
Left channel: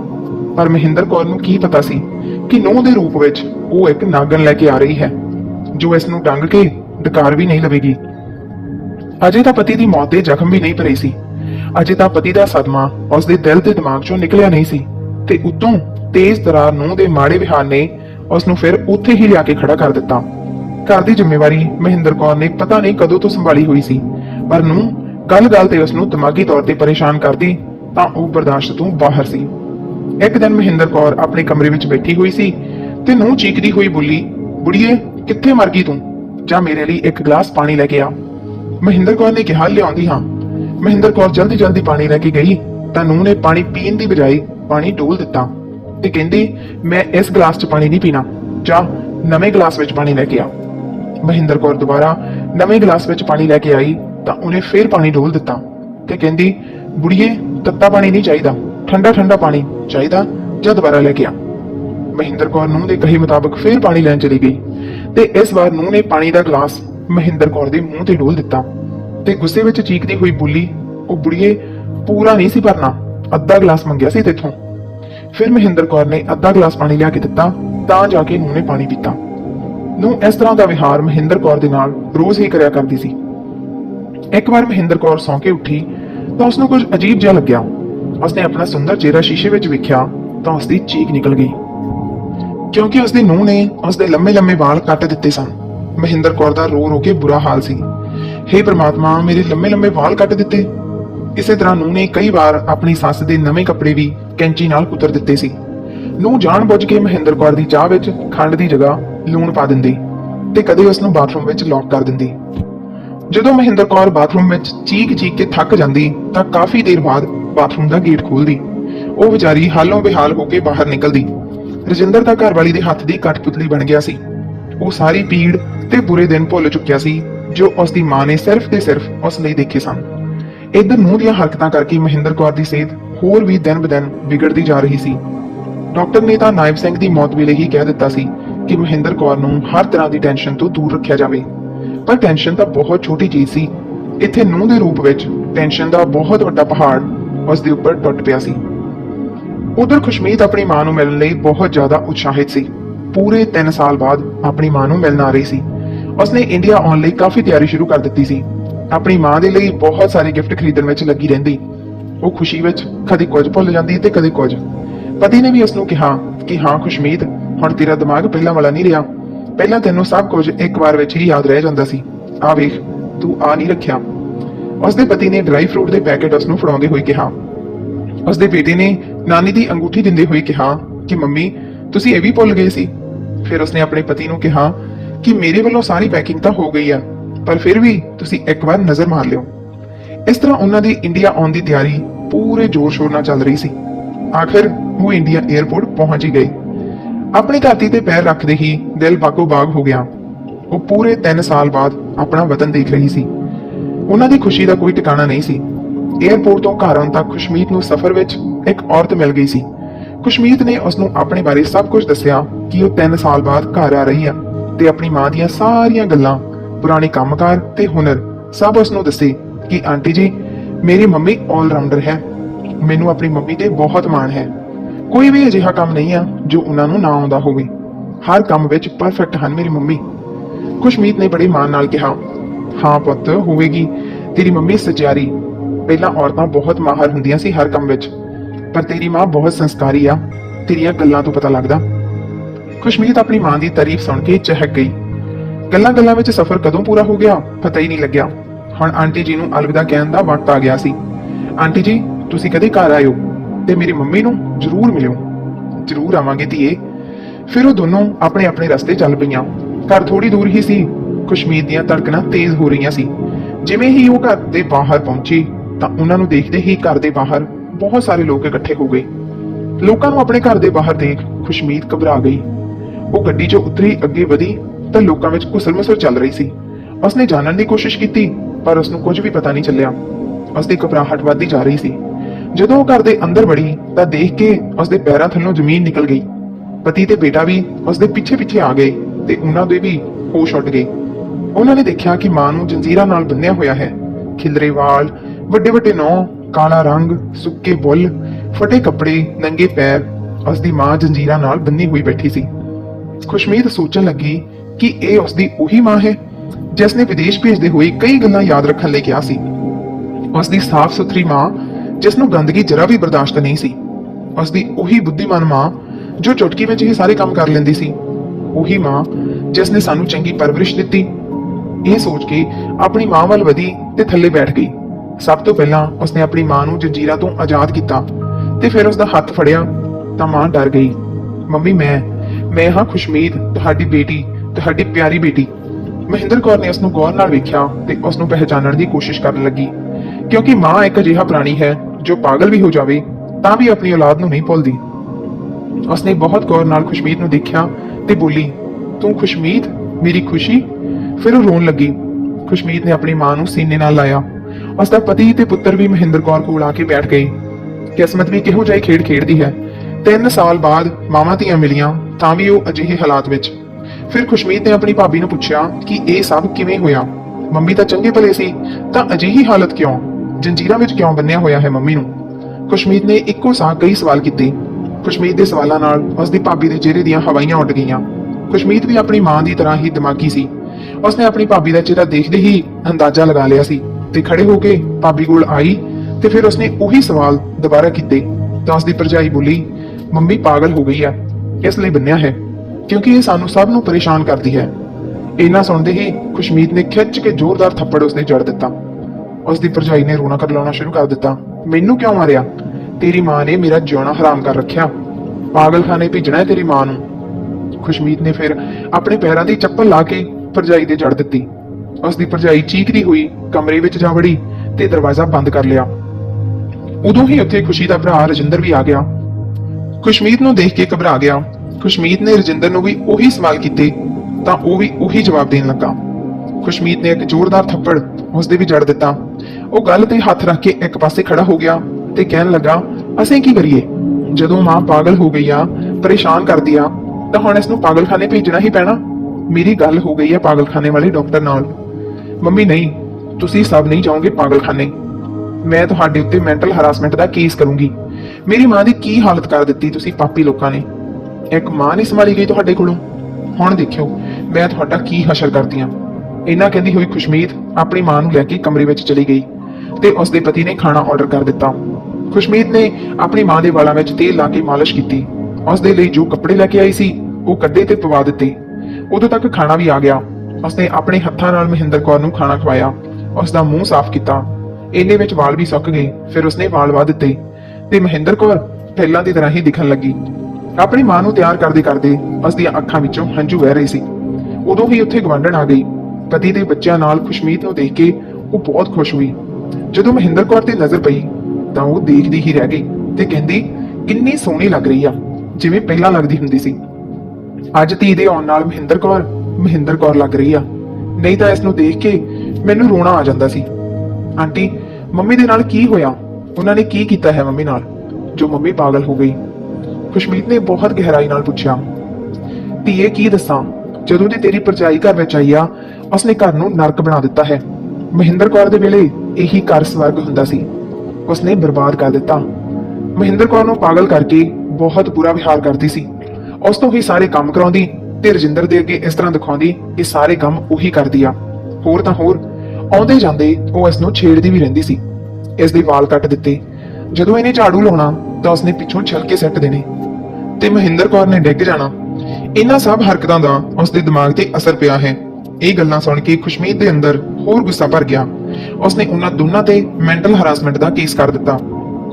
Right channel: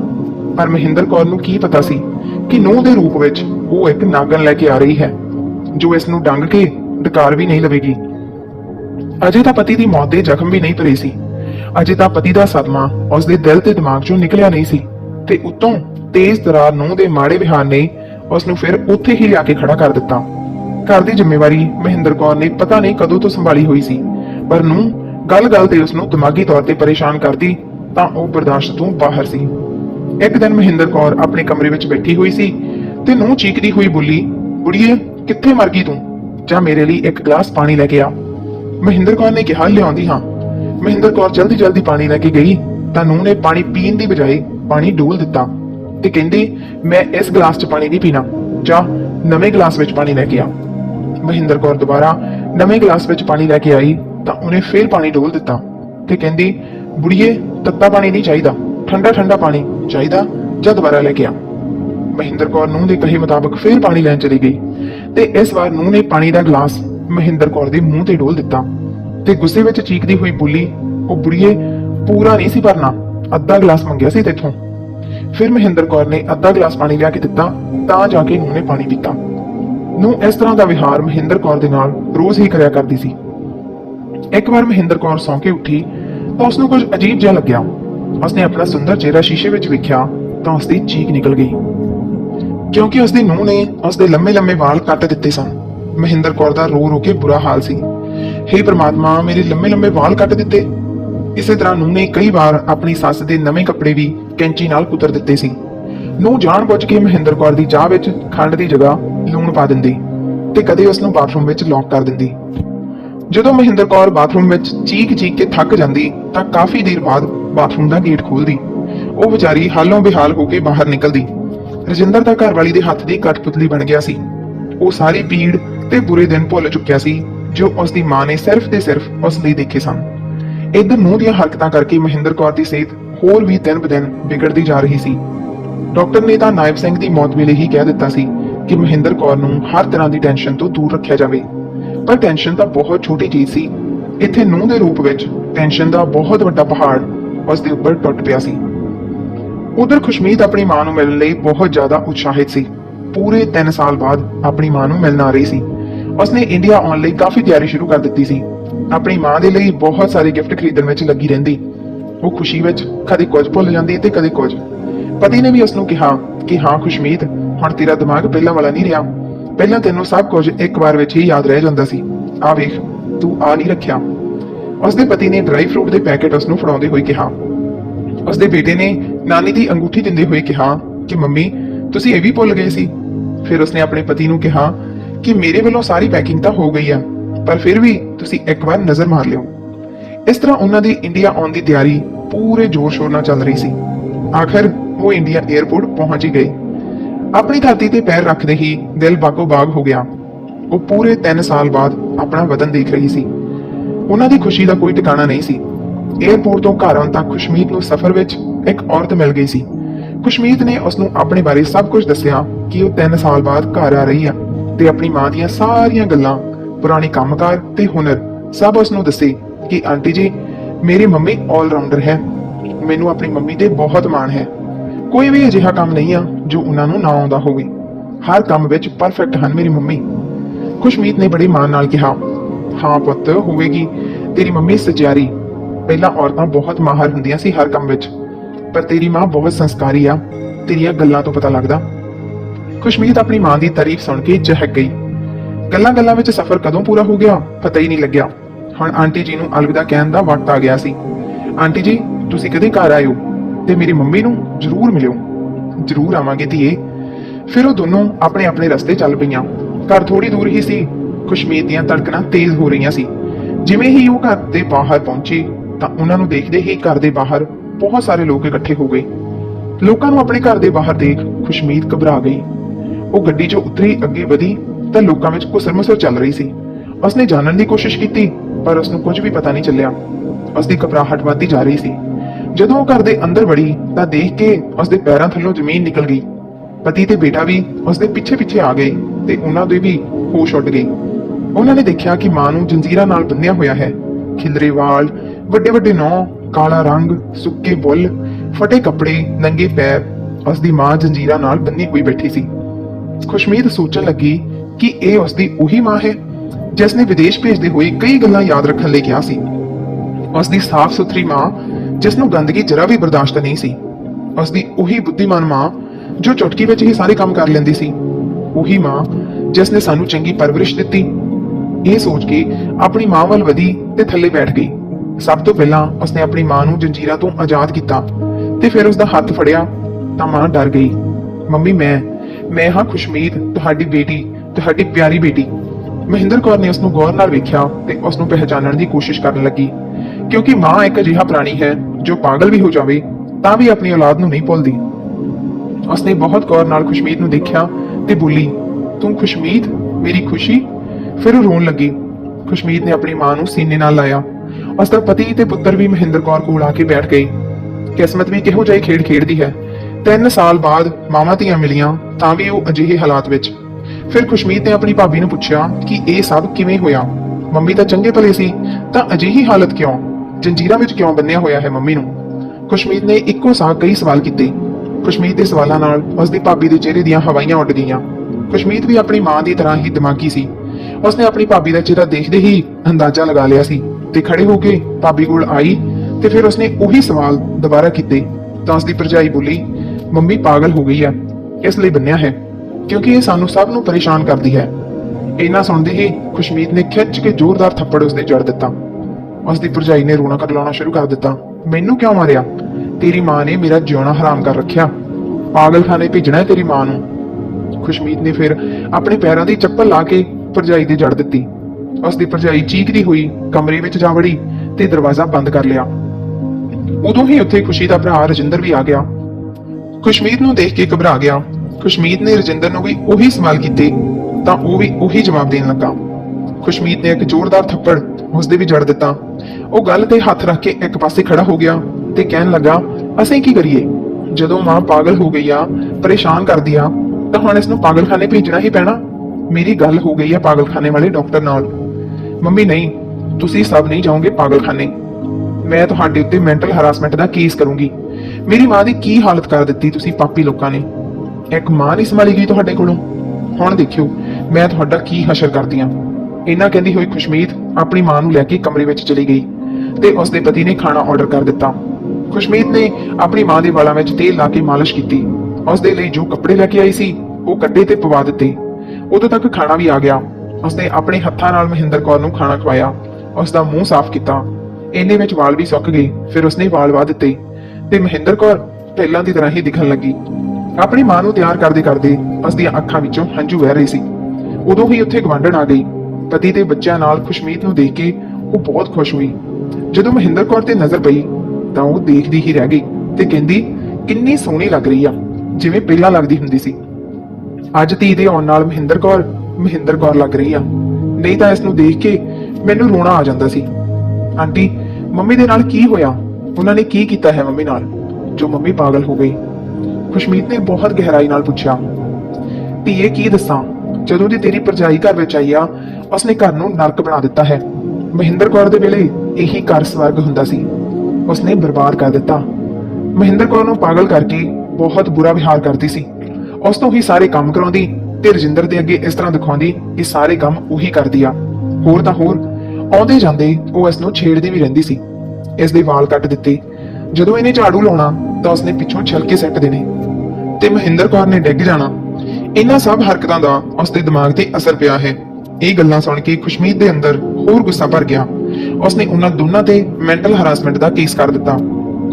ਪਰ ਮਹਿੰਦਰ ਕੌਰ ਨੂੰ ਕੀ ਪਤਾ ਸੀ ਕਿ ਨੂੰਹ ਦੇ ਰੂਪ ਵਿੱਚ ਉਹ ਇੱਕ ਨਾਗਨ ਲੈ ਕੇ ਆ ਰਹੀ ਹੈ, ਜੋ ਇਸ ਨੂੰ ਡੰਗ ਕੇ ਦਕਾਰ ਵੀ ਨਹੀਂ ਲਵੇਗੀ। ਅਜੇ ਤਾਂ ਪਤੀ ਦੀ ਮੌਤ ਦੇ ਜ਼ਖਮ ਵੀ ਨਹੀਂ ਭਰੇ ਸੀ। ਅਜੇ ਤਾਂ ਪਤੀ ਦਾ ਸਦਮਾ ਉਸ ਦੇ ਦਿਲ ਤੇ ਦਿਮਾਗ ਚੋਂ ਨਿਕਲਿਆ ਨਹੀਂ ਸੀ ਤੇ ਉਤੋਂ ਤੇਜ਼ ਤਰਾਰ ਨੂੰ ਦੇ ਮਾੜੇ ਵਿਹਾਰ ਨੇ ਉਸ ਨੂੰ ਫਿਰ ਉੱਥੇ ਹੀ ਲਿਆ ਕੇ ਖੜਾ ਕਰ ਦਿੱਤਾ। ਘਰ ਦੀ ਜ਼ਿੰਮੇਵਾਰੀ ਮਹਿੰਦਰ ਕੌਰ ਨੇ ਪਤਾ ਨਹੀਂ ਕਦੋਂ ਤੋਂ ਸੰਭਾਲੀ ਹੋਈ ਸੀ, ਪਰ ਨੂੰ ਗੱਲ ਗੱਲ ਤੇ ਉਸ ਨੂੰ ਦਿਮਾਗੀ ਤੌਰ ਤੇ ਪਰੇਸ਼ਾਨ ਕਰਦੀ ਤਾਂ ਉਹ ਬਰਦਾਸ਼ਤ ਤੋਂ ਬਾਹਰ ਸੀ। ਇੱਕ ਦਿਨ ਮਹਿੰਦਰ ਕੌਰ ਆਪਣੇ ਕਮਰੇ ਵਿੱਚ ਬੈਠੀ ਹੋਈ ਸੀ ਤੇ ਨੂੰ ਚੀਕਦੀ ਹੋਈ ਬੁੱਲੀ, ਬੁੜੀਏ, ਕਿੱਥੇ ਮਰ ਗਈ ਤੂੰ? ਜਾ ਮੇਰੇ ਲਈ ਇੱਕ ਗਲਾਸ ਪਾਣੀ ਲੈ ਕੇ ਆ। ਮਹਿੰਦਰ ਕੌਰ ਨੇ ਕਿਹਾ, ਲਿਆਉਂਦੀ ਹਾਂ। ਮਹਿੰਦਰ ਕੌਰ ਜਲਦੀ ਜਲਦੀ ਪਾਣੀ ਲੈ ਕੇ ਗਈ ਤਾਂ ਨੂੰ ਨੇ ਪਾਣੀ ਪੀਣ ਦੀ ਬਜਾਏ ਪਾਣੀ ਡੋਲ ਦਿੱਤਾ ਤੇ ਕਹਿੰਦੀ, ਮੈਂ ਇਸ ਗਲਾਸ 'ਚ ਪਾਣੀ ਨਹੀਂ ਪੀਣਾ। ਜਾ, ਨਵੇਂ ਗਲਾਸ ਵਿੱਚ ਪਾਣੀ ਲੈ ਕੇ ਆ। ਮਹਿੰਦਰ ਕੌਰ ਦੁਬਾਰਾ ਨਵੇਂ ਗਲਾਸ ਵਿੱਚ ਪਾਣੀ ਲੈ ਕੇ ਆਈ ਤਾਂ ਉਹਨੇ ਫੇਰ ਪਾਣੀ ਡੋਲ ਦਿੱਤਾ ਤੇ ਕਹਿੰਦੀ, ਬੁੜੀਏ, ਤੱਤਾ ਪਾਣੀ ਨਹੀਂ ਚਾਹੀਦਾ, ਠੰਡਾ ਠੰਡਾ ਪਾਣੀ ਚਾਹੀਦਾ, ਜਾਂ ਦੁਬਾਰਾ ਲੈ ਕੇ ਆ। ਮਹਿੰਦਰ ਕੌਰ ਨੂੰ ਦੇ ਕਹੇ ਮੁਤਾਬਕ ਫੇਰ ਪਾਣੀ ਲੈਣ ਚਲੀ ਗਈ ਤੇ ਇਸ ਵਾਰ ਨੂੰ ਨੇ ਪਾਣੀ ਦਾ ਗਲਾਸ ਮਹਿੰਦਰ ਕੌਰ ਦੇ ਮੂੰਹ ਤੇ ਡੋਲ ਦਿੱਤਾ। ਤੇ ਗੁੱਸੇ ਵਿੱਚ ਚੀਕਦੀ ਹੋਈ ਬੋਲੀ, ਉਹ ਬੁੜੀਏ, ਪੂਰਾ ਨਹੀਂ ਸੀ ਭਰਨਾ। ਅੱਧਾ ਗਲਾਸ ਮੰਗਿਆ ਸੀ ਤੇਥੋਂ। ਫਿਰ ਮਹਿੰਦਰ ਕੌਰ ਨੇ ਅੱਧਾ ਗਲਾਸ ਪਾਣੀ ਲਿਆ ਕੇ ਦਿੱਤਾ, ਤਾਂ ਜਾ ਕੇ ਉਹਨੇ ਪਾਣੀ ਪੀਤਾ। ਨੂੰ ਇਸ ਤਰ੍ਹਾਂ ਦਾ ਵਿਹਾਰ ਮਹਿੰਦਰ ਕੌਰ ਦੇ ਨਾਲ ਰੋਜ਼ ਹੀ ਕਰਿਆ ਕਰਦੀ ਸੀ। ਇੱਕ ਵਾਰ ਮਹਿੰਦਰ ਕੌਰ ਸੌਂ ਕੇ ਉੱਠੀ, ਤਾਂ ਉਸ ਨੂੰ ਕੁਝ ਅਜੀਬ ਜਿਹਾ ਲੱਗਿਆ। ਉਸਨੇ ਆਪਣਾ ਸੁੰਦਰ ਚਿਹਰਾ ਸ਼ੀਸ਼ੇ ਵਿੱਚ ਵੇਖਿਆ, ਤਾਂ ਉਸ ਦੀ ਚੀਕ ਨਿਕਲ ਗਈ। ਕਿਉਂਕਿ ਉਸ ਦੀ ਨੂੰਹ ਨੇ ਉਸ ਦੇ ਲੰਮੇ ਲੰਮੇ ਵਾਲ ਕੱਟ ਦਿੱਤੇ ਸਨ। ਮਹਿੰਦਰ ਕੌਰ ਦਾ ਰੋ ਰੋ ਕੇ ਬੁਰਾ ਹਾਲ ਸੀ। ਹੇ ਪ੍ਰਮਾਤਮਾ ਮੇਰੇ ਲੰਮੇ ਲੰਮੇ ਵਾਲ ਕੱਟ ਦਿੱਤੇ। ਇਸੇ ਤਰ੍ਹਾਂ ਨੂੰ ਨੇ ਕਈ ਵਾਰ ਆਪਣੀ ਸੱਸ ਦੇ ਨਵੇਂ ਕੱਪੜੇ ਵੀ ਕੈਂਚੀ ਨਾਲ ਕੁਤਰ ਦਿੱਤੇ ਸੀ। ਨੂੰਹ ਜਾਣਬੁੱਝ ਕੇ ਮਹਿੰਦਰ ਕੌਰ ਦੀ ਚਾਹ ਵਿੱਚ ਖੰਡ ਦੀ ਜਗ੍ਹਾ ਲੂਣ ਪਾ ਦਿੰਦੀ ਤੇ ਕਦੇ ਉਸ ਨੂੰ ਬਾਥਰੂਮ ਵਿੱਚ ਲੌਕ ਕਰ ਦਿੰਦੀ। ਜਦੋਂ ਮਹਿੰਦਰ ਕੌਰ ਬਾਥਰੂਮ ਵਿੱਚ ਚੀਕ ਚੀਕ ਕੇ ਥੱਕ ਜਾਂਦੀ ਤਾਂ ਕਾਫੀ ਦੇਰ ਬਾਅਦ ਬਾਥਰੂਮ ਦਾ ਗੇਟ ਖੋਲਦੀ। ਉਹ ਵਿਚਾਰੀ ਹਾਲੋਂ ਬਿਹਾਲ ਹੋ ਕੇ ਬਾਹਰ ਨਿਕਲਦੀ। ਰਜਿੰਦਰ ਦਾ ਘਰਵਾਲੀ ਦੇ ਹੱਥ ਦੀ ਕਠਪੁਤਲੀ ਬਣ ਗਿਆ ਸੀ। ਉਹ ਸਾਰੀ ਪੀੜ ਤੇ ਬੁਰੇ ਦਿਨ ਭੁੱਲ ਚੁੱਕਿਆ ਸੀ। ਜੋ ਉਸ ਦੀ ਮਾਂ ਨੇ ਸਿਰਫ ਤੇ ਸਿਰਫ ਉਸ ਲਈ ਦੇਖੇ ਸਨ। ਇਧਰ ਨੂੰ ਦੀਆਂ ਹਰਕਤਾਂ ਕਰਕੇ ਮਹਿੰਦਰ ਕੌਰ ਦੀ ਸਿਹਤ ਹੋਰ ਵੀ ਦਿਨ ਬਦਨ ਵਿਗੜਦੀ ਜਾ ਰਹੀ ਸੀ। ਡਾਕਟਰ ਨੇ ਤਾਂ ਨਾਇਬ ਸਿੰਘ ਦੀ ਮੌਤ ਵੇਲੇ ਹੀ ਕਹਿ ਦਿੱਤਾ ਸੀ ਕਿ ਮਹਿੰਦਰ ਕੌਰ ਨੂੰ ਹਰ ਤਰ੍ਹਾਂ ਦੀ ਟੈਨਸ਼ਨ ਤੋਂ ਦੂਰ ਰੱਖਿਆ ਜਾਵੇ। ਪਰ ਟੈਨਸ਼ਨ ਤਾਂ ਬਹੁਤ ਛੋਟੀ ਚੀਜ਼ ਸੀ। ਇੱਥੇ ਨੂੰਹ ਦੇ ਰੂਪ ਵਿੱਚ ਟੈਨਸ਼ਨ ਦਾ ਬਹੁਤ ਵੱਡਾ ਪਹਾੜ ਉਸ ਦੇ ਉੱਪਰ ਟੁੱਟ ਪਿਆ ਸੀ। ਉਧਰ ਖੁਸ਼ਮੀਤ ਆਪਣੀ ਮਾਂ ਨੂੰ ਮਿਲਣ ਲਈ ਬਹੁਤ ਜ਼ਿਆਦਾ ਉਤਸ਼ਾਹਿਤ ਸੀ। ਪੂਰੇ 3 ਸਾਲ ਬਾਅਦ ਆਪਣੀ ਮਾਂ ਨੂੰ ਮਿਲਣ ਆ ਰਹੀ ਸੀ। ਉਸਨੇ ਇੰਡੀਆ ਆਉਣ ਲਈ ਕਾਫੀ ਤਿਆਰੀ ਸ਼ੁਰੂ ਕਰ ਦਿੱਤੀ ਸੀ। ਆਪਣੀ ਮਾਂ ਦੇ ਲਈ ਬਹੁਤ ਸਾਰੇ ਗਿਫਟ ਖਰੀਦਣ ਵਿੱਚ ਲੱਗੀ ਰਹਿੰਦੀ। ਉਹ ਖੁਸ਼ੀ ਵਿੱਚ ਕਦੇ ਕੁਝ ਭੁੱਲ ਜਾਂਦੀ ਤੇ ਕਦੇ ਕੁਝ। ਪਤੀ ਨੇ ਵੀ ਉਸ ਨੂੰ ਕਿਹਾ ਕਿ ਹਾਂ ਖੁਸ਼ਮੀਤ, ਹੁਣ ਤੇਰਾ ਦਿਮਾਗ ਪਹਿਲਾਂ ਵਾਲਾ ਨਹੀਂ ਰਿਹਾ। ਪਹਿਲਾਂ ਤੈਨੂੰ ਸਭ ਕੁਝ ਇੱਕ ਵਾਰ ਵਿੱਚ ਹੀ ਯਾਦ ਰਹਿ ਜਾਂਦਾ ਸੀ। ਆ ਵੇਖ, ਤੂੰ ਆ ਨਹੀਂ ਰੱਖਿਆ। ਉਸਦੇ ਪਤੀ ਨੇ ਡਰਾਈ ਫਰੂਟ ਦੇ ਪੈਕੇਟ ਉਸ ਨੂੰ ਫੜਾਉਂਦੇ ਹੋਏ ਕਿਹਾ। ਉਸਦੇ ਬੇਟੇ ਨੇ ਨਾਨੀ ਦੀ ਅੰਗੂਠੀ ਦਿੰਦੇ ਹੋਏ ਕਿਹਾ ਕਿ ਮੰਮੀ, ਤੁਸੀਂ ਇਹ ਵੀ ਭੁੱਲ ਗਏ ਸੀ। ਫਿਰ ਉਸਨੇ ਆਪਣੇ ਪਤੀ ਨੂੰ ਕਿਹਾ ਕਿ ਮੇਰੇ ਵੱਲੋਂ ਸਾਰੀ ਪੈਕਿੰਗ ਤਾਂ ਹੋ ਗਈ ਆ, ਪਰ ਫਿਰ ਵੀ ਤੁਸੀਂ ਇੱਕ ਵਾਰ ਨਜ਼ਰ ਮਾਰ ਲਿਓ। ਇਸ ਤਰ੍ਹਾਂ ਉਹਨਾਂ ਦੀ ਇੰਡੀਆ ਆਉਣ ਦੀ ਤਿਆਰੀ ਪੂਰੇ ਜੋਰ ਸ਼ੋਰ ਨਾਲ ਚੱਲ ਰਹੀ ਸੀ। ਆਖਿਰ ਉਹ ਇੰਡੀਆ 에ਅਰਪੋਰਟ ਪਹੁੰਚ ਹੀ ਗਈ ਆਪਣੀ ਧਰਤੀ ਤੇ ਪੈਰ ਰੱਖਦੇ ਹੀ ਦਿਲ ਬਾਕੋ ਬਾਗ ਹੋ ਗਿਆ। ਉਹ ਪੂਰੇ 3 ਸਾਲ ਬਾਅਦ ਆਪਣਾ ਵਤਨ ਦੇਖ ਰਹੀ ਸੀ। ਉਹਨਾਂ ਦੀ ਖੁਸ਼ੀ ਦਾ ਕੋਈ ਟਿਕਾਣਾ ਨਹੀਂ ਸੀ। 에ਅਰਪੋਰਟ ਤੋਂ ਘਰ ਆਉਣ ਤੱਕ ਖੁਸ਼ਮੀਤ ਨੂੰ ਸਫ਼ਰ ਵਿੱਚ ਇੱਕ ਔਰਤ ਮਿਲ ਗਈ ਸੀ। ਖੁਸ਼ਮੀਤ ਨੇ ਉਸ ਨੂੰ ਆਪਣੇ ਬਾਰੇ ਸਭ ਕੁਝ ਦੱਸਿਆ ਕਿ ਉਹ 3 ਸਾਲ ਬਾਅਦ ਘਰ ਆ ਰਹੀ ਆ। ਤੇ ਆਪਣੀ ਮਾਂ ਦੀਆਂ ਸਾਰੀਆਂ ਗੱਲਾਂ, ਪੁਰਾਣੇ ਕੰਮਕਾਰ ਤੇ ਹੁਨਰ, ਸਭ ਉਸ ਨੂੰ ਦੱਸੇ ਕਿ, ਆਂਟੀ ਜੀ, ਮੇਰੀ ਮੰਮੀ ਆਲ ਹੈ। ਮੈਨੂੰ ਆਪਣੀ ਮੰਮੀ ਤੇ ਬਹੁਤ ਮਾਣ ਹੈ। ਕੋਈ ਵੀ ਅਜਿਹਾ ਕੰਮ ਨਹੀਂ ਆ ਜੋ ਉਹਨਾਂ ਨੂੰ ਨਾ ਆਉਂਦਾ ਹੋਵੇ। ਹਰ ਕੰਮ ਵਿੱਚ ਪਰਫੈਕਟ ਹਨ ਮੇਰੀ ਮੰਮੀ। ਖੁਸ਼ਮੀਤ ਨੇ ਬੜੇ ਮਾਣ ਨਾਲ ਕਿਹਾ, ਹਾਂ ਪੁੱਤ, ਹੋਵੇਗੀ। ਤੇਰੀ ਮੰਮੀ ਸਚਿਆਰੀ। ਪਹਿਲਾਂ ਔਰਤਾਂ ਬਹੁਤ ਮਾਹਰ ਹੁੰਦੀਆਂ ਸੀ ਹਰ ਕੰਮ ਵਿੱਚ, ਪਰ ਤੇਰੀ ਮਾਂ ਬਹੁਤ ਸੰਸਕਾਰੀ ਆ। ਤੇਰੀਆਂ ਗੱਲਾਂ ਤੋਂ ਪਤਾ ਲੱਗਦਾ ਖੁਸ਼ਮੀਤ ਆਪਣੀ ਮਾਂ ਦੀ ਤਾਰੀਫ ਸੁਣ ਕੇ ਚਹਿਕ ਗਈ। ਗੱਲਾਂ-ਗੱਲਾਂ ਵਿੱਚ ਸਫ਼ਰ ਕਦੋਂ ਪੂਰਾ ਹੋ ਗਿਆ, ਪਤਾ ਹੀ ਨਹੀਂ ਲੱਗਿਆ। ਹੁਣ ਆਂਟੀ ਜੀ ਨੂੰ ਅਲਵਿਦਾ ਕਹਿਣ ਦਾ ਵਕਤ ਆ ਗਿਆ ਸੀ। ਆਂਟੀ ਜੀ, ਤੁਸੀਂ ਕਦੇ ਘਰ ਆਇਓ ਤੇ ਮੇਰੀ ਮੰਮੀ ਨੂੰ ਜ਼ਰੂਰ ਮਿਲਿਓ। ਜ਼ਰੂਰ ਆਵਾਂਗੇ ਧੀਏ। ਫਿਰ ਉਹ ਦੋਨੋਂ ਆਪਣੇ ਆਪਣੇ ਰਸਤੇ ਚੱਲ ਪਈਆਂ। ਘਰ ਥੋੜੀ ਦੂਰ ਹੀ ਸੀ। ਖੁਸ਼ਮੀਤ ਦੀਆਂ ਧੜਕਣਾਂ ਤੇਜ਼ ਹੋ ਰਹੀਆਂ ਸੀ। ਜਿਵੇਂ ਹੀ ਉਹ ਘਰ ਦੇ ਬਾਹਰ ਪਹੁੰਚੀ, ਤਾਂ ਉਹਨਾਂ ਨੂੰ ਦੇਖਦੇ ਹੀ ਘਰ ਦੇ ਬਾਹਰ ਬਹੁਤ ਸਾਰੇ ਲੋਕ ਇਕੱਠੇ ਹੋ ਗਏ। ਲੋਕਾਂ ਨੂੰ ਆਪਣੇ ਘਰ ਦੇ ਬਾਹਰ ਦੇਖ ਖੁਸ਼ਮੀਤ ਘਬਰਾ ਗਈ। ਉਹ ਗੱਡੀ 'ਚੋਂ ਉਤਰੀ, ਅੱਗੇ ਵਧੀ, ਤਾਂ ਲੋਕਾਂ ਵਿੱਚ ਘੁਸਰ-ਮੁਸਰ ਚੱਲ ਰਹੀ ਸੀ। ਉਸਨੇ ਜਾਣਨ ਦੀ ਕੋਸ਼ਿਸ਼ ਕੀਤੀ, ਪਰ ਉਸਨੂੰ ਕੁਝ ਵੀ ਪਤਾ ਨਹੀਂ ਚੱਲਿਆ। ਉਸਦੀ ਘਬਰਾਹਟ ਵੱਧਦੀ ਜਾ ਰਹੀ ਸੀ। ਜਦੋਂ ਉਹ ਘਰ ਦੇ ਅੰਦਰ ਵੜੀ, ਤਾਂ ਦੇਖ ਕੇ ਉਸਦੇ ਪੈਰਾਂ ਥੱਲੋਂ ਜ਼ਮੀਨ ਨਿਕਲ ਗਈ। ਪਤੀ ਤੇ ਬੇਟਾ ਵੀ ਉਸਦੇ ਪਿੱਛੇ-ਪਿੱਛੇ ਆ ਗਏ ਤੇ ਉਹਨਾਂ ਦੇ ਵੀ ਹੋਸ਼ ਉੱਡ ਗਈ ਉਹਨਾਂ ਨੇ ਦੇਖਿਆ ਕਿ ਮਾਂ ਨੂੰ ਜੰਜੀਰਾਂ ਨਾਲ ਬੰਨਿਆ ਹੋਇਆ ਹੈ। ਖਿਲਰੇ ਵਾਲ ਵੱਡੇ ਵੱਡੇ ਨੌ ਕਾਲਾ ਰੰਗ, ਸੁੱਕੇ ਬੁੱਲ, ਫਟੇ ਕੱਪੜੇ, ਨੰਗੇ ਪੈਰ। ਉਸਦੀ ਮਾਂ ਜੰਜੀਰਾਂ ਨਾਲ ਬੰਨੀ ਹੋਈ ਬੈਠੀ ਸੀ। ਖੁਸ਼ਮੀਤ ਸੋਚਣ ਲੱਗੀ ਕਿ ਇਹ ਉਸਦੀ ਉਹੀ ਮਾਂ ਹੈ, ਜਿਸ ਨੇ ਵਿਦੇਸ਼ ਭੇਜਦੇ ਹੋਏ ਕਈ ਗੱਲਾਂ ਯਾਦ ਰੱਖਣ ਲਈ ਕਿਹਾ ਸੀ। ਉਸਦੀ ਸਾਫ਼ ਸੁਥਰੀ ਮਾਂ, ਜਿਸ ਨੂੰ ਗੰਦਗੀ ਜਰਾ ਵੀ ਬਰਦਾਸ਼ਤ ਨਹੀਂ ਸੀ, ਉਸਦੀ ਉਹੀ ਬੁੱਧੀਮਾਨ ਮਾਂ, ਜੋ ਚੁਟਕੀ ਵਿੱਚ ਹੀ ਸਾਰੇ ਕੰਮ ਕਰ ਲੈਂਦੀ ਸੀ। ਉਹੀ ਮਾਂ, ਜਿਸ ਨੇ ਸਾਨੂੰ ਚੰਗੀ ਪਰਵਰਿਸ਼ ਦਿੱਤੀ। ਇਹ ਸੋਚ ਕੇ ਆਪਣੀ ਮਾਂ ਵੱਲ ਵਧੀ ਤੇ ਥੱਲੇ ਬੈਠ ਗਈ। ਸਭ ਤੋਂ ਪਹਿਲਾਂ ਉਸਨੇ ਆਪਣੀ ਮਾਂ ਨੂੰ ਜੰਜੀਰਾਂ ਤੋਂ ਆਜ਼ਾਦ ਕੀਤਾ ਤੇ ਫਿਰ ਉਸਦਾ ਹੱਥ ਫੜਿਆ ਤਾਂ ਮਾਂ ਡਰ ਗਈ। ਮੰਮੀ, ਮੈਂ ਮੈਂ ਹਾਂ ਖੁਸ਼ਮੀਤ, ਤੁਹਾਡੀ ਬੇਟੀ, ਤੁਹਾਡੀ ਪਿਆਰੀ ਬੇਟੀ। ਮਹਿੰਦਰ ਕੌਰ ਨੇ ਉਸ ਨੂੰ ਗੌਰ ਨਾਲ ਵੇਖਿਆ ਤੇ ਉਸ ਨੂੰ ਪਹਿਚਾਨਣ ਦੀ ਕੋਸ਼ਿਸ਼ ਕਰਨ ਲੱਗੀ। ਕਿਉਂਕਿ ਮਾਂ ਇੱਕ ਅਜਿਹਾ ਪ੍ਰਾਣੀ ਹੈ, ਜੋ ਪਾਗਲ ਵੀ ਹੋ ਜਾਵੇ, ਤਾਂ ਵੀ ਆਪਣੀ ਔਲਾਦ ਨੂੰ ਨਹੀਂ ਭੁੱਲਦੀ। ਉਸਨੇ ਬਹੁਤ ਗੌਰ ਨਾਲ ਖੁਸ਼ਮੀਤ ਨੂੰ ਦੇਖਿਆ ਤੇ ਬੋਲੀ, ਤੂੰ ਖੁਸ਼ਮੀਤ, ਮੇਰੀ ਖੁਸ਼ੀ? ਫਿਰ ਉਹ ਰੋਣ ਲੱਗੀ। ਖੁਸ਼ਮੀਤ ਨੇ ਆਪਣੀ ਮਾਂ ਨੂੰ ਸੀਨੇ ਨਾਲ ਲਾਇਆ। ਉਸਦਾ ਪਤੀ ਤੇ ਪੁੱਤਰ ਵੀ ਮਹਿੰਦਰ ਕੌਰ ਕੋਲ ਆ ਕੇ ਬੈਠ ਗਏ। ਕਿਸਮਤ ਵੀ ਕਿਹੋ ਜਿਹੀ ਖੇਡ ਖੇਡਦੀ ਹੈ। ਤਿੰਨ ਸਾਲ ਬਾਅਦ ਮਾਵਾਂ ਧੀਆਂ ਮਿਲੀਆਂ, ਤਾਂ ਵੀ ਉਹ ਅਜਿਹੇ ਹਾਲਾਤ ਵਿੱਚ। ਫਿਰ ਖੁਸ਼ਮੀਤ ਨੇ ਆਪਣੀ ਭਾਬੀ ਨੂੰ ਪੁੱਛਿਆ ਕਿ ਇਹ ਸਭ ਕਿਵੇਂ ਹੋਇਆ? ਮੰਮੀ ਤਾਂ ਚੰਗੇ ਭਲੇ ਸੀ, ਤਾਂ ਅਜਿਹੀ ਹਾਲਤ ਕਿਉਂ? ਜੰਜੀਰਾਂ ਵਿੱਚ ਕਿਉਂ ਬੰਨਿਆ ਹੋਇਆ ਹੈ ਮੰਮੀ ਨੂੰ? ਖੁਸ਼ਮੀਤ ਨੇ ਇੱਕੋ ਸਾਹ ਕਈ ਸਵਾਲ ਕੀਤੇ। ਖੁਸ਼ਮੀਤ ਦੇ ਸਵਾਲਾਂ ਨਾਲ ਉਸਦੀ ਭਾਬੀ ਦੇ ਚਿਹਰੇ ਦੀਆਂ ਹਵਾਈਆਂ ਉੱਡ ਗਈਆਂ। ਖੁਸ਼ਮੀਤ ਵੀ ਆਪਣੀ ਮਾਂ ਦੀ ਤਰ੍ਹਾਂ ਹੀ ਦਿਮਾਗੀ ਸੀ। ਉਸਨੇ ਆਪਣੀ ਭਾਬੀ ਦਾ ਚਿਹਰਾ ਦੇਖਦੇ ਹੀ ਅੰਦਾਜ਼ਾ ਲਗਾ ਲਿਆ ਸੀ ਤੇ ਖੜੇ ਹੋ ਕੇ ਭਾਬੀ ਕੋਲ ਆਈ ਤੇ ਫਿਰ ਉਸਨੇ ਉਹੀ ਸਵਾਲ ਦੁਬਾਰਾ ਕੀਤੇ। ਤਾਂ ਉਸਦੀ ਭਰਜਾਈ ਬੋਲੀ ਮੰਮੀ ਪਾਗਲ ਹੋ ਗਈ ਹੈ। ਇਸ ਲਈ ਬੰਨਿਆ ਹੈ, ਕਿਉਂਕਿ ਇਹ ਸਾਨੂੰ ਸਭ ਨੂੰ ਪਰੇਸ਼ਾਨ ਕਰਦੀ ਹੈ। ਇਹਨਾਂ ਸੁਣਦੇ ਹੀ ਖੁਸ਼ਮੀਤ ਨੇ ਖਿੱਚ ਕੇ ਜ਼ੋਰਦਾਰ ਥੱਪੜ ਉਸਦੇ ਜੜ ਦਿੱਤਾ। ਉਸਦੀ ਭਰਜਾਈ ਨੇ ਰੋਣਾ ਕਰਲਾਉਣਾ ਸ਼ੁਰੂ ਕਰ ਦਿੱਤਾ। ਮੈਨੂੰ ਕਿਉਂ ਮਾਰਿਆ? ਤੇਰੀ ਮਾਂ ਨੇ ਮੇਰਾ ਜਿਉਣਾ ਹਰਾਮ ਕਰ ਰੱਖਿਆ। ਪਾਗਲਖਾਨੇ ਭੇਜਣਾ ਹੈ ਤੇਰੀ ਮਾਂ ਨੂੰ। ਖੁਸ਼ਮੀਤ ਨੇ ਫਿਰ ਆਪਣੇ ਪੈਰਾਂ ਦੀ ਚੱਪਲ ਲਾ ਕੇ ਭਰਜਾਈ ਦੇ ਜੜ ਦਿੱਤੀ। ਉਸਦੀ ਭਰਜਾਈ ਚੀਕਦੀ ਹੋਈ ਕਮਰੇ ਵਿੱਚ ਜਾ ਵੜੀ ਤੇ ਦਰਵਾਜ਼ਾ ਬੰਦ ਕਰ ਲਿਆ। ਉਦੋਂ ਹੀ ਉੱਥੇ ਖੁਸ਼ੀ ਦਾ ਭਰਾ ਰਜਿੰਦਰ ਵੀ ਆ ਗਿਆ। ਖੁਸ਼ਮੀਤ ਨੂੰ ਦੇਖ ਕੇ ਘਬਰਾ ਗਿਆ। ਖੁਸ਼ਮੀਤ ਨੇ ਰਜਿੰਦਰ ਨੂੰ ਵੀ ਉਹੀ ਸਵਾਲ ਕੀਤੇ, ਤਾਂ ਉਹ ਵੀ ਉਹੀ ਜਵਾਬ ਦੇਣ ਲੱਗਾ। ਖੁਸ਼ਮੀਤ ਨੇ ਇੱਕ ਜ਼ੋਰਦਾਰ ਥੱਪੜ ਉਸਦੇ ਵੀ ਜੜ ਦਿੱਤਾ। ਉਹ ਗੱਲ ਤੇ ਹੱਥ ਰੱਖ ਕੇ ਇੱਕ ਪਾਸੇ ਖੜਾ ਹੋ ਗਿਆ ਤੇ ਕਹਿਣ ਲੱਗਾ, ਅਸੀਂ ਕੀ ਕਰੀਏ? ਜਦੋਂ ਮਾਂ ਪਾਗਲ ਹੋ ਗਈ ਆ, ਪਰੇਸ਼ਾਨ ਕਰਦੀ ਆ, ਤਾਂ ਹੁਣ ਇਸ ਨੂੰ ਪਾਗਲਖਾਨੇ ਭੇਜਣਾ ਹੀ ਪੈਣਾ? ਮੇਰੀ ਗੱਲ ਹੋ ਗਈ ਹੈ ਪਾਗਲਖਾਨੇ ਵਾਲੇ ਡਾਕਟਰ ਨਾਲ। ਮੰਮੀ, ਨਹੀਂ, ਤੁਸੀਂ ਸਭ ਨਹੀਂ ਜਾਓਗੇ ਪਾਗਲਖਾਨੇ। ਮੈਂ ਤੁਹਾਡੇ ਉੱਤੇ ਮੈਂਟਲ ਹਰਾਸਮੈਂਟ ਦਾ ਕੇਸ ਕਰੂੰਗੀ। ਮੇਰੀ ਮਾਂ ਦੀ ਕੀ ਹਾਲਤ ਕਰ ਦਿੱਤੀ ਤੁਸੀਂ ਪਾਪੀ ਲੋਕਾਂ ਨੇ? ਇੱਕ ਮਾਂ ਨਹੀਂ ਸੰਭਾਲੀ ਗਈ ਤੁਹਾਡੇ ਕੋਲੋਂ? ਹੁਣ ਦੇਖਿਓ, ਮੈਂ ਤੁਹਾਡਾ ਕੀ ਹਸ਼ਰ ਕਰਦੀ ਆਂ। ਇਹਨਾਂ ਕਹਿੰਦੀ ਹੋਈ ਖੁਸ਼ਮੀਤ ਆਪਣੀ ਮਾਂ ਨੂੰ ਲੈ ਕੇ ਕਮਰੇ ਵਿੱਚ ਚਲੀ ਗਈ ਤੇ ਉਸਦੇ ਪਤੀ ਨੇ ਖਾਣਾ ਆਰਡਰ ਕਰ ਦਿੱਤਾ। ਖੁਸ਼ਮੀਤ ਨੇ ਆਪਣੀ ਮਾਂ ਦੇ ਵਾਲਾਂ ਵਿੱਚ ਤੇਲ ਲਾ ਕੇ ਮਾਲਿਸ਼ ਕੀਤੀ। ਉਸਦੇ ਲਈ ਜੋ ਕੱਪੜੇ ਲੈ ਕੇ ਆਈ ਸੀ, ਉਹ ਕੱਢੇ ਤੇ ਪਵਾ ਦਿੱਤੇ। ਉਦੋਂ ਤੱਕ ਖਾਣਾ ਵੀ ਆ ਗਿਆ। ਉਸਨੇ ਆਪਣੇ ਹੱਥਾਂ ਨਾਲ ਮਹਿੰਦਰ ਕੌਰ ਨੂੰ ਖਾਣਾ ਖਵਾਇਆ। ਉਸ ਦਾ ਮੂੰਹ ਸਾਫ਼ ਕੀਤਾ। ਇਹਨੇ ਵਿੱਚ ਵਾਲ ਵੀ ਸੁੱਕ ਗਏ। ਫਿਰ ਉਸਨੇ ਵਾਲ ਵਾ ਦਿੱਤੇ। ਤੇ ਮਹਿੰਦਰ ਕੌਰ ਪਹਿਲਾਂ ਦੀ ਤਰ੍ਹਾਂ ਹੀ ਦਿਖਣ ਲੱਗੀ। ਆਪਣੀ ਮਾਂ ਨੂੰ ਤਿਆਰ ਕਰਦੇ ਕਰਦੇ ਉਸ ਦੀਆਂ ਅੱਖਾਂ ਵਿੱਚੋਂ ਹੰਝੂ ਵਹਿ ਰਹੇ ਸੀ। ਉਦੋਂ ਹੀ ਉੱਥੇ ਗਵਾਂਢਣ ਆ ਗਈ। ਪਤੀ ਦੇ ਬੱਚਿਆਂ ਨਾਲ ਖੁਸ਼ਮੀਤ ਨੂੰ ਦੇਖ ਕੇ ਉਹ ਬਹੁਤ ਖੁਸ਼ ਹੋਈ। ਜਦੋਂ ਮਹਿੰਦਰ ਕੌਰ ਤੇ ਨਜ਼ਰ ਪਈ, ਤਾਂ ਉਹ ਦੇਖਦੀ ਹੀ ਰਹਿ ਗਈ ਤੇ ਕਹਿੰਦੀ, ਕਿੰਨੀ ਸੋਹਣੀ ਲੱਗ ਰਹੀ ਆ, ਜਿਵੇਂ ਪਹਿਲਾਂ ਲੱਗਦੀ ਹੁੰਦੀ ਸੀ। ਅੱਜ ਧੀ ਦੇ ਆਉਣ ਨਾਲ ਮਹਿੰਦਰ ਕੌਰ ਮਹਿੰਦਰ ਕੌਰ ਲੱਗ ਰਹੀ ਆ। ਨਹੀਂ ਤਾਂ ਇਸ ਨੂੰ ਦੇਖ ਕੇ ਮੈਨੂੰ ਰੋਣਾ ਆ ਜਾਂਦਾ ਸੀ। ਆਂਟੀ, ਮੰਮੀ ਦੇ ਨਾਲ ਕੀ ਹੋਇਆ? ਉਹਨਾਂ ਨੇ ਕੀ ਕੀਤਾ ਹੈ ਮੰਮੀ ਨਾਲ? ਜੋ ਮੰਮੀ ਪਾਗਲ ਹੋ ਗਈ। ਖੁਸ਼ਮੀਤ ਨੇ ਬਹੁਤ ਗਹਿਰਾਈ ਨਾਲ ਪੁੱਛਿਆ, ਧੀਏ, ਕੀ ਦੱਸਾਂ? ਜਦੋਂ ਦੀ ਤੇਰੀ ਪਰਜਾਈ ਘਰ ਵਿੱਚ ਆਈ ਆ, ਉਸਨੇ ਘਰ ਨੂੰ ਨਰਕ ਬਣਾ ਦਿੱਤਾ ਹੈ। ਮਹਿੰਦਰ ਕੌਰ ਦੇ ਵੇਲੇ ਇਹੀ ਘਰ ਸਵਰਗ ਹੁੰਦਾ ਸੀ। ਉਸਨੇ ਬਰਬਾਦ ਕਰ ਦਿੱਤਾ। ਮਹਿੰਦਰ ਕੌਰ ਨੂੰ ਪਾਗਲ ਕਰਕੇ ਬਹੁਤ ਬੁਰਾ ਵਿਹਾਰ ਕਰਦੀ ਸੀ। ਉਸ ਤੋਂ ਹੀ ਸਾਰੇ ਕੰਮ ਕਰਾਉਂਦੀ ਤੇ ਰਜਿੰਦਰ ਦੇ ਅੱਗੇ ਇਸ ਤਰ੍ਹਾਂ ਦਿਖਾਉਂਦੀ ਕਿ ਸਾਰੇ ਕੰਮ ਉਹੀ ਕਰਦੀ ਆ। ਹੋਰ ਤਾਂ ਹੋਰ, ਆਉਂਦੇ ਜਾਂਦੇ ਉਹ ਇਸ ਨੂੰ ਛੇੜਦੀ ਵੀ ਰਹਿੰਦੀ ਸੀ। ਇਸ ਦੇ ਵਾਲ ਕੱਟ ਦਿੱਤੇ। ਜਦੋਂ ਇਹਨੇ ਝਾੜੂ ਲਾਉਣਾ, ਤਾਂ ਉਸਨੇ ਪਿੱਛੋਂ ਛਲਕੇ ਸੱਟ ਦੇਣੇ। ਤੇ ਮਹਿੰਦਰ ਕੌਰ ਨੇ ਡਿੱਗ ਜਾਣਾ। ਇਹਨਾਂ ਸਭ ਹਰਕਤਾਂ ਦਾ ਉਸਦੇ ਦਿਮਾਗ ਤੇ ਅਸਰ ਪਿਆ ਹੈ। ਇਹ ਗੱਲਾਂ ਸੁਣ ਕੇ ਖੁਸ਼ਮੀਤ ਦੇ ਅੰਦਰ ਹੋਰ ਗੁੱਸਾ ਭਰ ਗਿਆ। ਉਸਨੇ ਉਹਨਾਂ ਦੋਨਾਂ ਤੇ ਮੈਂਟਲ ਹਰਾਸਮੈਂਟ ਦਾ ਕੇਸ ਕਰ ਦਿੱਤਾ।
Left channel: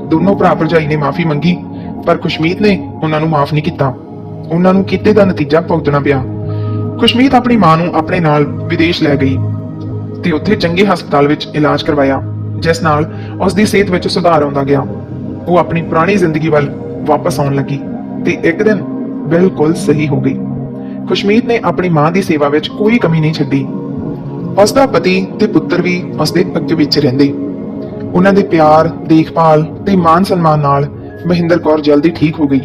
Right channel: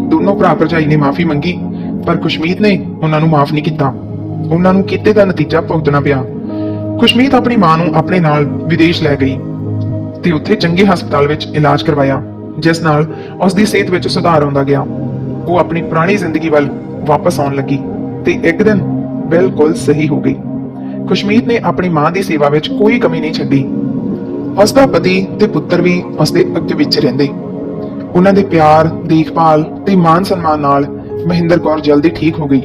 ਦੋਨੋਂ ਭਰਾ ਭਰਜਾਈ ਨੇ ਮਾਫੀ ਮੰਗੀ, ਪਰ ਖੁਸ਼ਮੀਤ ਨੇ ਉਹਨਾਂ ਨੂੰ ਮਾਫ ਨਹੀਂ ਕੀਤਾ। ਉਹਨਾਂ ਨੂੰ ਕੀਤੇ ਦਾ ਨਤੀਜਾ ਭੁਗਤਣਾ ਪਿਆ। ਖੁਸ਼ਮੀਤ ਆਪਣੀ ਮਾਂ ਨੂੰ ਆਪਣੇ ਨਾਲ ਵਿਦੇਸ਼ ਲੈ ਗਈ ਤੇ ਉੱਥੇ ਚੰਗੇ ਹਸਪਤਾਲ ਵਿੱਚ ਇਲਾਜ ਕਰਵਾਇਆ। ਜਿਸ ਨਾਲ ਉਸ ਦੀ ਸਿਹਤ ਵਿੱਚ ਸੁਧਾਰ ਆਉਂਦਾ ਗਿਆ। ਉਹ ਆਪਣੀ ਪੁਰਾਣੀ ਜ਼ਿੰਦਗੀ ਵੱਲ ਵਾਪਸ ਆਉਣ ਲੱਗੀ ਤੇ ਇੱਕ ਦਿਨ ਬਿਲਕੁਲ ਸਹੀ ਹੋ ਗਈ। ਖੁਸ਼ਮੀਤ ਨੇ ਆਪਣੀ ਮਾਂ ਦੀ ਸੇਵਾ ਵਿੱਚ ਕੋਈ ਕਮੀ ਨਹੀਂ ਛੱਡੀ। ਉਸ ਦਾ ਪਤੀ ਤੇ ਪੁੱਤਰ ਵੀ ਉਸ ਦੇ ਅੱਗੇ ਵਿੱਚ ਰਹਿੰਦੇ। ਉਹਨਾਂ ਦੇ ਪਿਆਰ, ਦੇਖਭਾਲ ਤੇ ਮਾਨ ਸਨਮਾਨ ਨਾਲ ਮਹਿੰਦਰ ਕੌਰ ਜਲਦੀ ਠੀਕ ਹੋ ਗਈ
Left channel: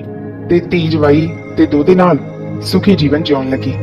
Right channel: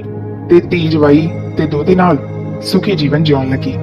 ਤੇ ਧੀ ਜਵਾਈ ਤੇ ਦੋਤੇ ਨਾਲ ਸੁਖੀ ਜੀਵਨ ਜਿਉਣ ਲੱਗੀ।